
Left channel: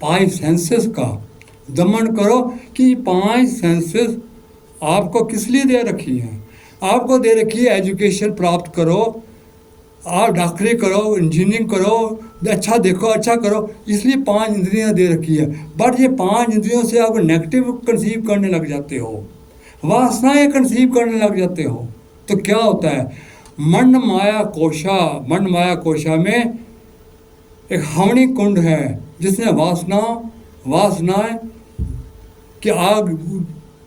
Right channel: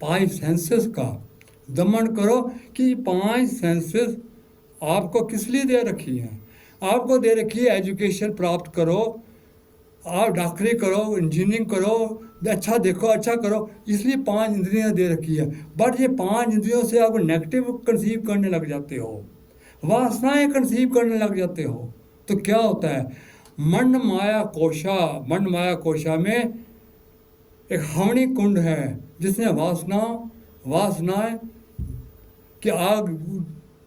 5 सेंसेस का दमन करो कि 5 सेंसेस आपको किस लिए दे रखी है। आपको दे रखी है एजुकेशन प्राप्त करो, आप डॉक्टरी करो, इंजीनियरिंग करो, अच्छा देखो, अच्छा करो, इसलिए 5 इंद्रियां दे रखी है। बट ये 5 इंद्रियों से आप नेगेटिव कंसीव करने लग जाते हो, वासनाएं कंसीव करने लग जाते हो, तो क्या होता है, मन माया कोशा में एक हवनी कुंड है जिसमें वासनाएं की आग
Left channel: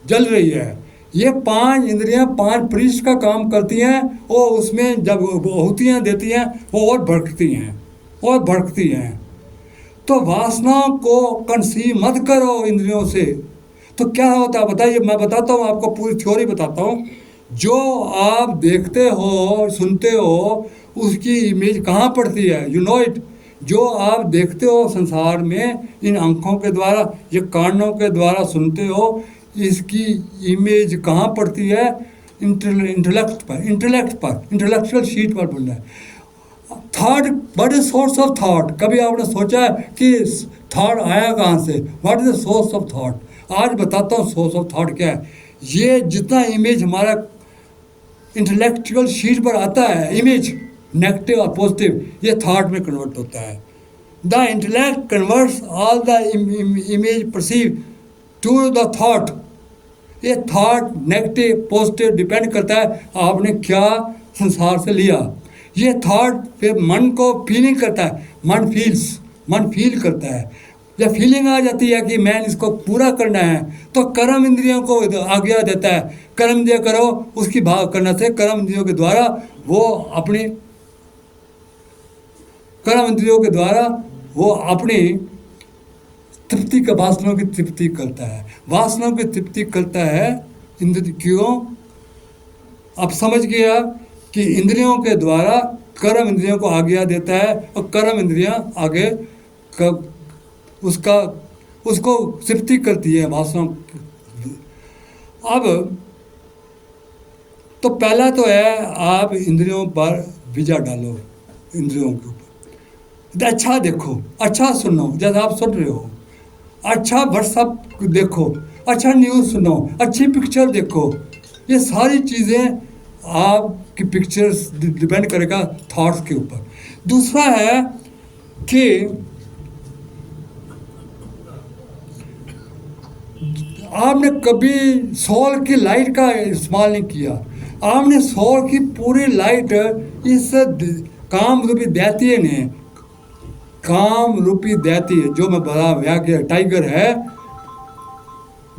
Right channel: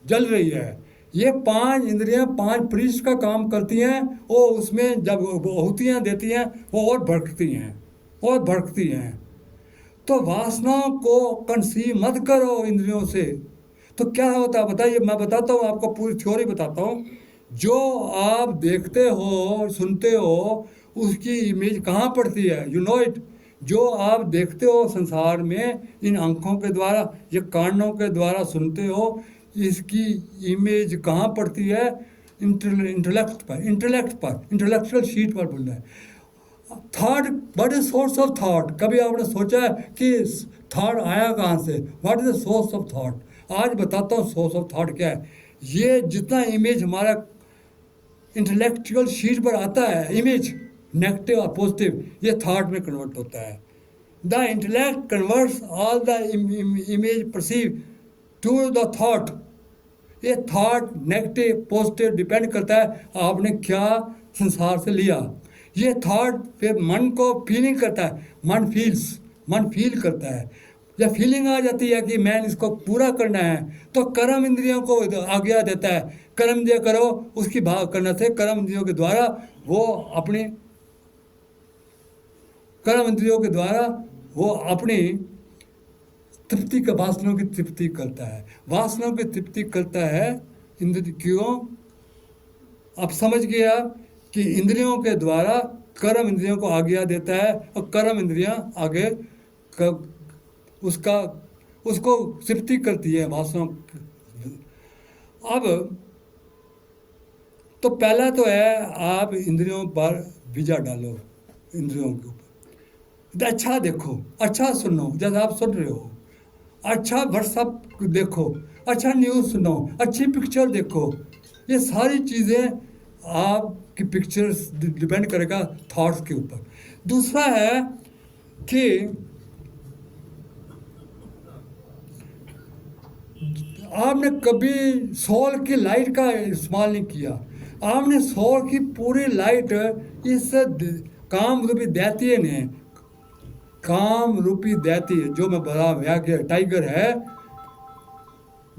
जल रही है। ये 5 इंद्रियां 5 पृष्ठ का काम करती हैं, और उसमें जब आहुतियां देती हैं वो और भड़कती हैं। तो वासनाओं को कंसीव मत करो इंद्रियों से। तो क्या होता है बताइए, मैं बताता हूँ आपको, पूरी थ्योरी बताता हूँ। जो आप देखते हो सुनते हो उसकी इमेज कहाँ पड़ती है, यू नो इट। जो आप देखते हो संसार में इन आंखों के द्वारा, ये कानों के द्वारा सुनते हो, इसकी इमेज कहाँ पड़ती है, इंटेलेक्चुअल शीट पर पड़ना है। Thought, what is source of thought? कभी आपने सोचा है कि थॉट आया कहाँ से? What is the source of thought? आज बताता हूँ सोर्स ऑफ थॉट क्या है। ये जितना इमेज हमारा इंटेलेक्चुअल शीट पर आता है, इमेज नेगेटिव और पॉजिटिव, ये थॉट में कन्वर्ट होता है। The intellect converts all the image perceive to the thought. ये थॉट नेगेटिव पॉजिटिव डिपेंड करता है आपने क्या संसार से लिया। ये थॉट फिर मन को फीलिंग करता है, मन फील करता है। जब फीलिंग आ जाती है कि मैं इसको पूरा करना है, तो कर्म इंद्रियों को आज्ञा देता है, कर्म इंद्रिय करो। उसकी भाग करने से कर्म इंद्रियों के द्वारा वो अपनी तृप्ति का, वासनाओं की तृप्ति करता है। वासनाओं की तृप्ति करता है इंद्र क्यों? अब समझ गया कि इंद्रियों के द्वारा कर्म इंद्रियों को आज्ञा देता है और कर्म इंद्रियां आगे उसको तृप्ति करती है वासनाओं। अब तो पहला तो है आप इंद्रियों पर विजय डालो, इंद्रियों के ऊपर अच्छा देखो, अच्छा सुनो, जैसे आप सुन रहे हो, अच्छा व्हाट्सअप देखो, अच्छा न्यूज़ सुनो, अच्छी पिक्चर देखो। ये सारी चीज़ें आपकी पिक्चर्स डिपेंड करेगा थॉट्स के ऊपर। दूसरा है कि आपने कभी सौर की लाइट का इस्तेमाल नहीं किया। आपने सौर की पूरी लाइट इस काम रूपी दैत्य ने, काम रूपी दैत्य जो मैं बता व्याख्या टाइगर है,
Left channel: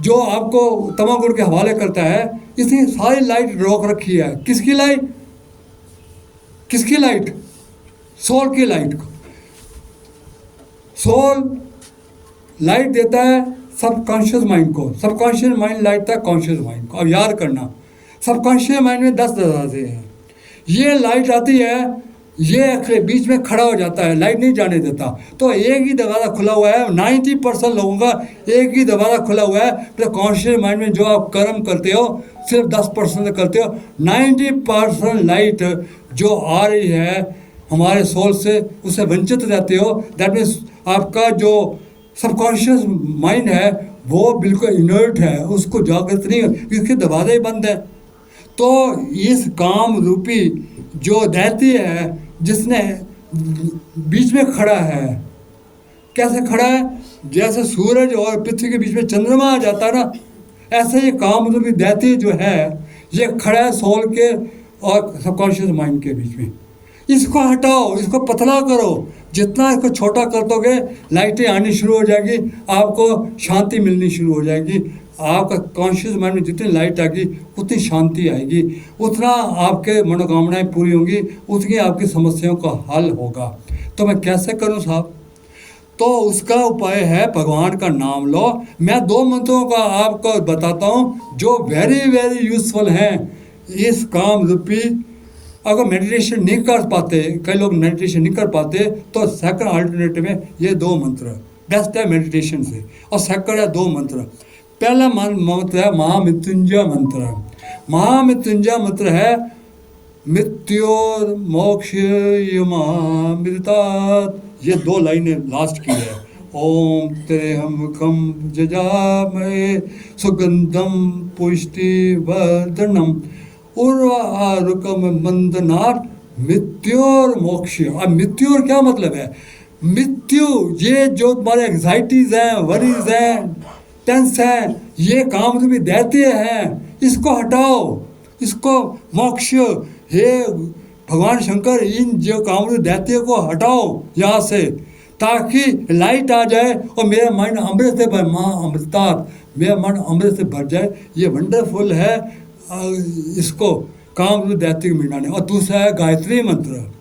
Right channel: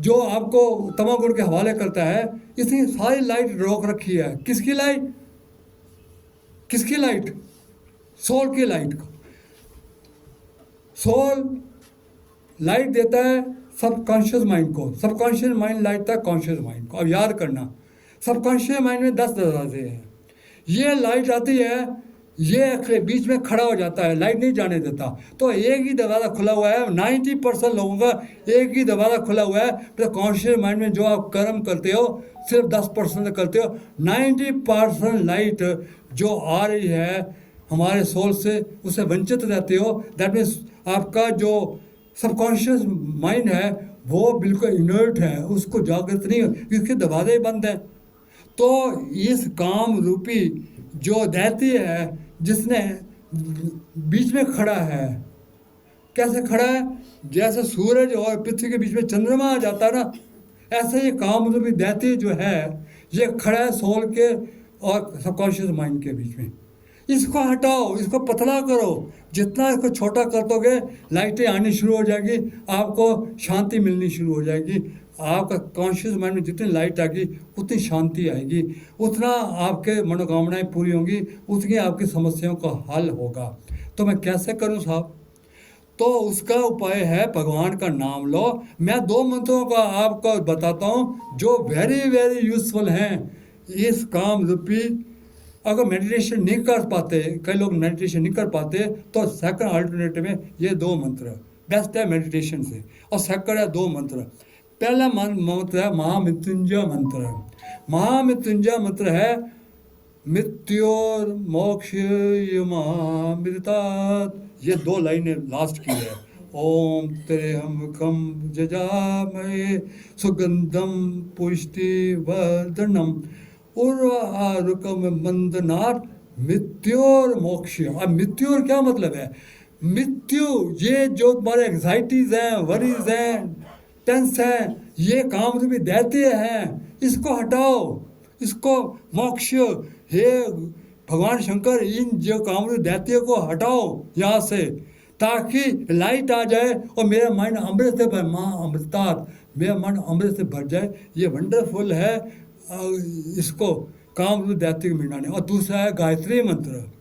जो आपको तमाकुर के हवाले करता है, इसने सारी लाइट रोक रखी है। किसकी लाइट? किसकी लाइट? सोल की लाइट को। सोल लाइट देता है सबकॉन्शियस माइंड को, सबकॉन्शियस माइंड लाइट देता है कॉन्शियस माइंड को। अब याद करना, सबकॉन्शियस माइंड में 10 दरवाजे हैं। ये लाइट आती है, ये बीच में खड़ा हो जाता है, लाइट नहीं जाने देता। तो एक ही दरवाज़ा खुला हुआ है, 90% लोगों का एक ही दरवाज़ा खुला हुआ है। तो कॉन्शियस माइंड में जो आप कर्म करते हो सिर्फ 10% करते हो। 90% लाइट जो आ रही है हमारे सोल से, उससे वंचित रहते हो। दैट मीन्स आपका जो सबकॉन्शियस माइंड है वो बिल्कुल इनर्ट है, उसको जागृत नहीं है क्योंकि दरवाज़ा ही बंद है। तो इस काम रूपी जो दैत्य है, जिसने बीच में खड़ा है, कैसे खड़ा है? जैसे सूरज और पृथ्वी के बीच में चंद्रमा आ जाता है ना, ऐसे ये काम रूपी दैत्य जो है ये खड़ा है सोल के और सबकॉन्शियस माइंड के बीच में। इसको हटाओ, इसको पतला करो। जितना इसको छोटा कर दोगे, लाइटें आनी शुरू हो जाएगी, आपको शांति मिलनी शुरू हो जाएगी। आपका कॉन्शियस माइंड में जितनी लाइट आएगी उतनी शांति आएगी, उतना आपके मनोकामनाएं पूरी होंगी, उतनी आपकी समस्याओं का हल होगा। तो मैं कैसे करूं साहब? तो उसका उपाय है भगवान का नाम लो। मैं 2 मंत्रों का आपको बताता हूं जो वेरी वेरी यूजफुल हैं इस काम रूपी। अगर मेडिटेशन नहीं कर पाते, कई लोग मेडिटेशन नहीं कर पाते, तो सेकंड अल्टरनेटिव में ये 2 मंत्र बेस्ट है मेडिटेशन से। और सेकंड है 2 मंत्र। पहला मंत्र है महामृत्युंजय मंत्र। महामृत्युंजय मंत्र है मृत्योर्मोक्षयमामृतात्। ये 2 लाइनें लास्ट की है। ओम त्र्यंबकं यजामहे सुगंधं पुष्टिवर्धनम् उर्वारुकम बंधनात् मृत्योर्मोक्ष। अब मृत्योर क्या मतलब है? मृत्यु, ये जो तुम्हारे एंग्जाइटीज हैं, वरीज हैं, टेंस हैं, ये काम रूपी दैत्य हैं, इसको हटाओ, इसको मोक्ष। हे भगवान शंकर, इन जो काम रूपी दैत्य को हटाओ यहाँ से, ताकि लाइट आ जाए और मेरा माइंड अमृत से भर, अमृतात्, मेरा मन अमृत से भर जाए। ये वंडरफुल है इसको काम रूपी दैत्य को मिटाने। और दूसरा है गायत्री मंत्र।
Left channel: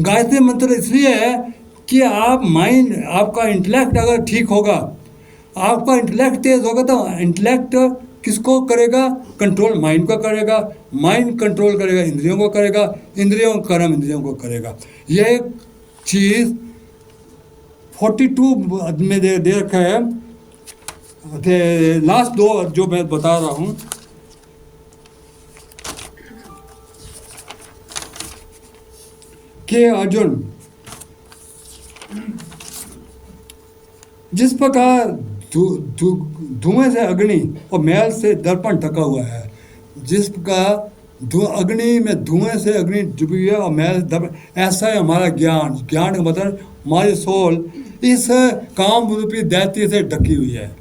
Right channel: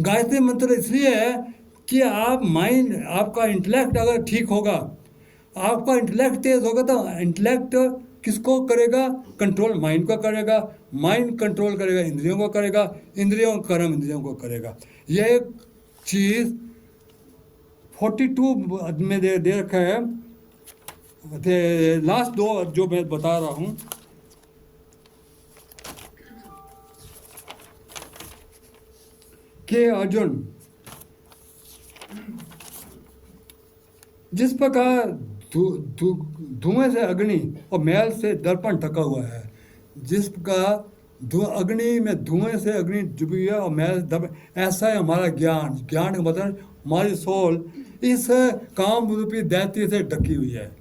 गायत्री मंत्र इसलिए है कि आप माइंड, आपका इंटेलेक्ट अगर ठीक होगा, आपका इंटेलेक्ट तेज होगा, तो इंटेलेक्ट किसको करेगा? कंट्रोल माइंड को करेगा, माइंड कंट्रोल करेगा इंद्रियों को करेगा, इंद्रियों कर्म इंद्रियों को करेगा। ये चीज़ 42 में दे रखा है। लास्ट 2 जो मैं बता रहा हूँ, कि अर्जुन, जिस प्रकार धुएं से अग्नि और मैल से दर्पण ढका हुआ है, जिस प्रकार अग्नि में धुएं से अग्नि डूबी है और मैल दर्पण, ऐसा है हमारा ज्ञान। ज्ञान का मतलब हमारी सोल इस काम रूपी दैत्य से ढकी हुई है।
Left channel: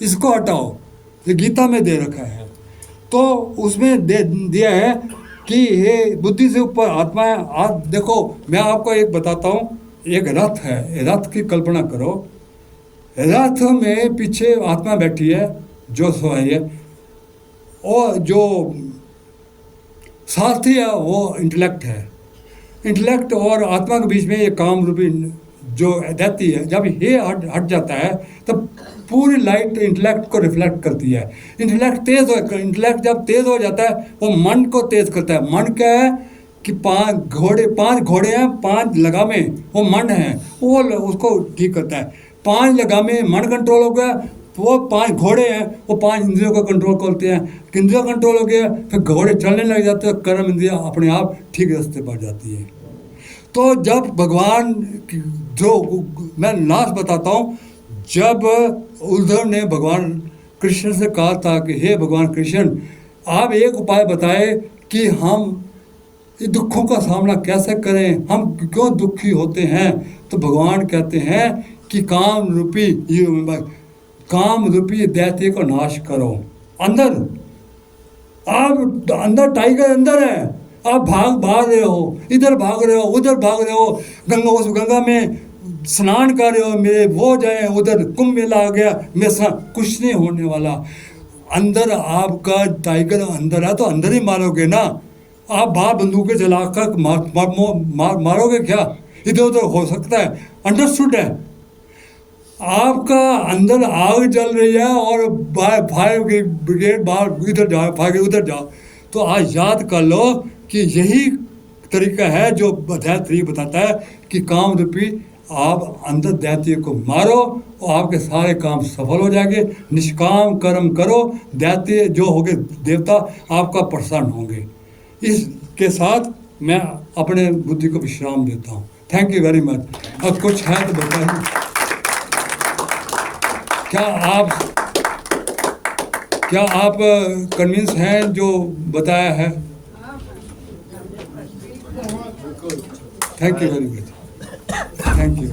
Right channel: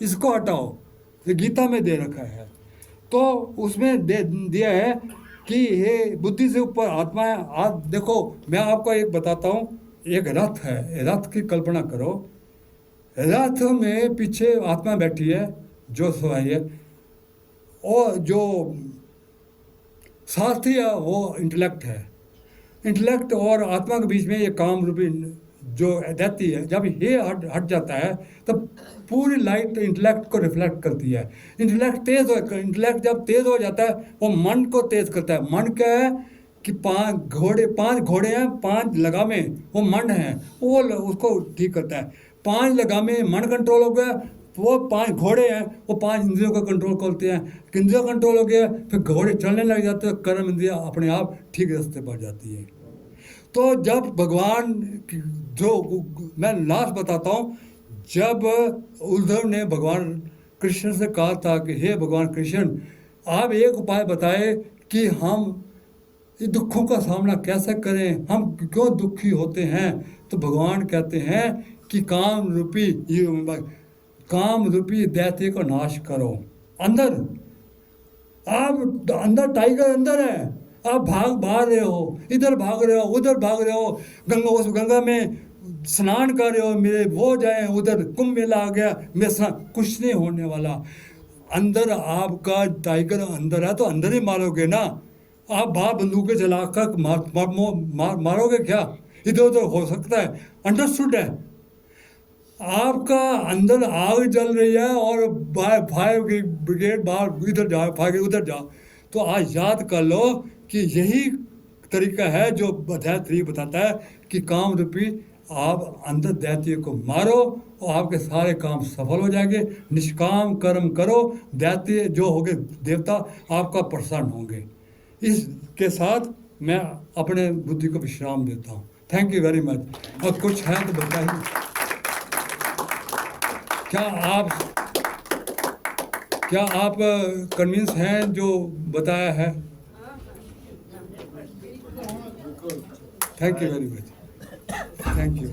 इसको हटाओ, ये गीता में दे रखा है। तो उसमें दे दिया है कि ये बुद्धि से ऊपर आत्मा है। आप देखो, मैं आपको एक बताता हूँ, एक रथ है, रथ की कल्पना करो। रथ में पीछे आत्मा बैठी है जो सवारी है, और जो सारथी है वो इंटेलेक्ट है। इंटेलेक्ट और आत्मा के बीच में ये काम रूपी जो दैत्य है, जब ये हट जाता है तब पूरी लाइट इंटेलेक्ट को रिफ्लेक्ट करती है। इंटेलेक्ट जब तेज हो जाता है वो मन को तेज करता है। मन क्या है कि पांच घोड़े हैं, 5 लगामे, वो मन है, वो उसको ठीक करता है। 5 लगामे मन कंट्रोल हो गया, वो 5 घोड़े हैं, वो 5 इंद्रियों का कंट्रोल करते हैं। इंद्रियों कंट्रोल हो गया, फिर घोड़े चलने लग जाते हैं, कर्म इंद्रियां अपने आप ठीक रास्ते पर जाती है। तो जब भगवान जो मैं नाश बताता हूँ, जब उद्धव ने भगवान कृष्ण से कहा था कि हे भगवान कृष्ण, आप एक उपाय बताए कि हम इस दुखों का सामना कैसे करें, हम क्यों दुखी होते हैं। तो भगवान कहते हैं कि काम रूपी दैत्य को नाश करो। अंदर आप अंदर टाइगर अंदर है, आप भाग रहे हो, इधर भाग रहे हो, उधर भाग रहे हो, उस गंगा में स्नान कर रहे हो, मेरे वो जाए उधर, कुंभ मेला आ गया, मेरे कुछ नहीं होने वाला। अंदर आपका टाइगर अंदर है तो अंदर ही मारोगे ना। आप बाहर बंदूकें चलाकर मारोगे क्या? इधर उधर हो सकता है। अंडरस्टूड है? आपका अंदर आग जल रही है और फायर ब्रिगेड बाहर इधर जाओ, फायर उधर जाओ। तो आज याद कर लो कि यही तरीका है जो अध्याय 3 बताता है कि काम रूपी आप अंदर दैत्य को मारो और आपके सारे काम सफल हो जाएंगे। निष्काम कर्म करो, दैत्य जो होंगे देवता आपका प्रसन्न होंगे। इसके साथ मैं अपने बुद्धि को विश्राम देता हूँ। Thank you very much. और कुछ है तो बताइए। क्या आप कन्विंस हैं जो बताया है? Thank you very much. Thank you.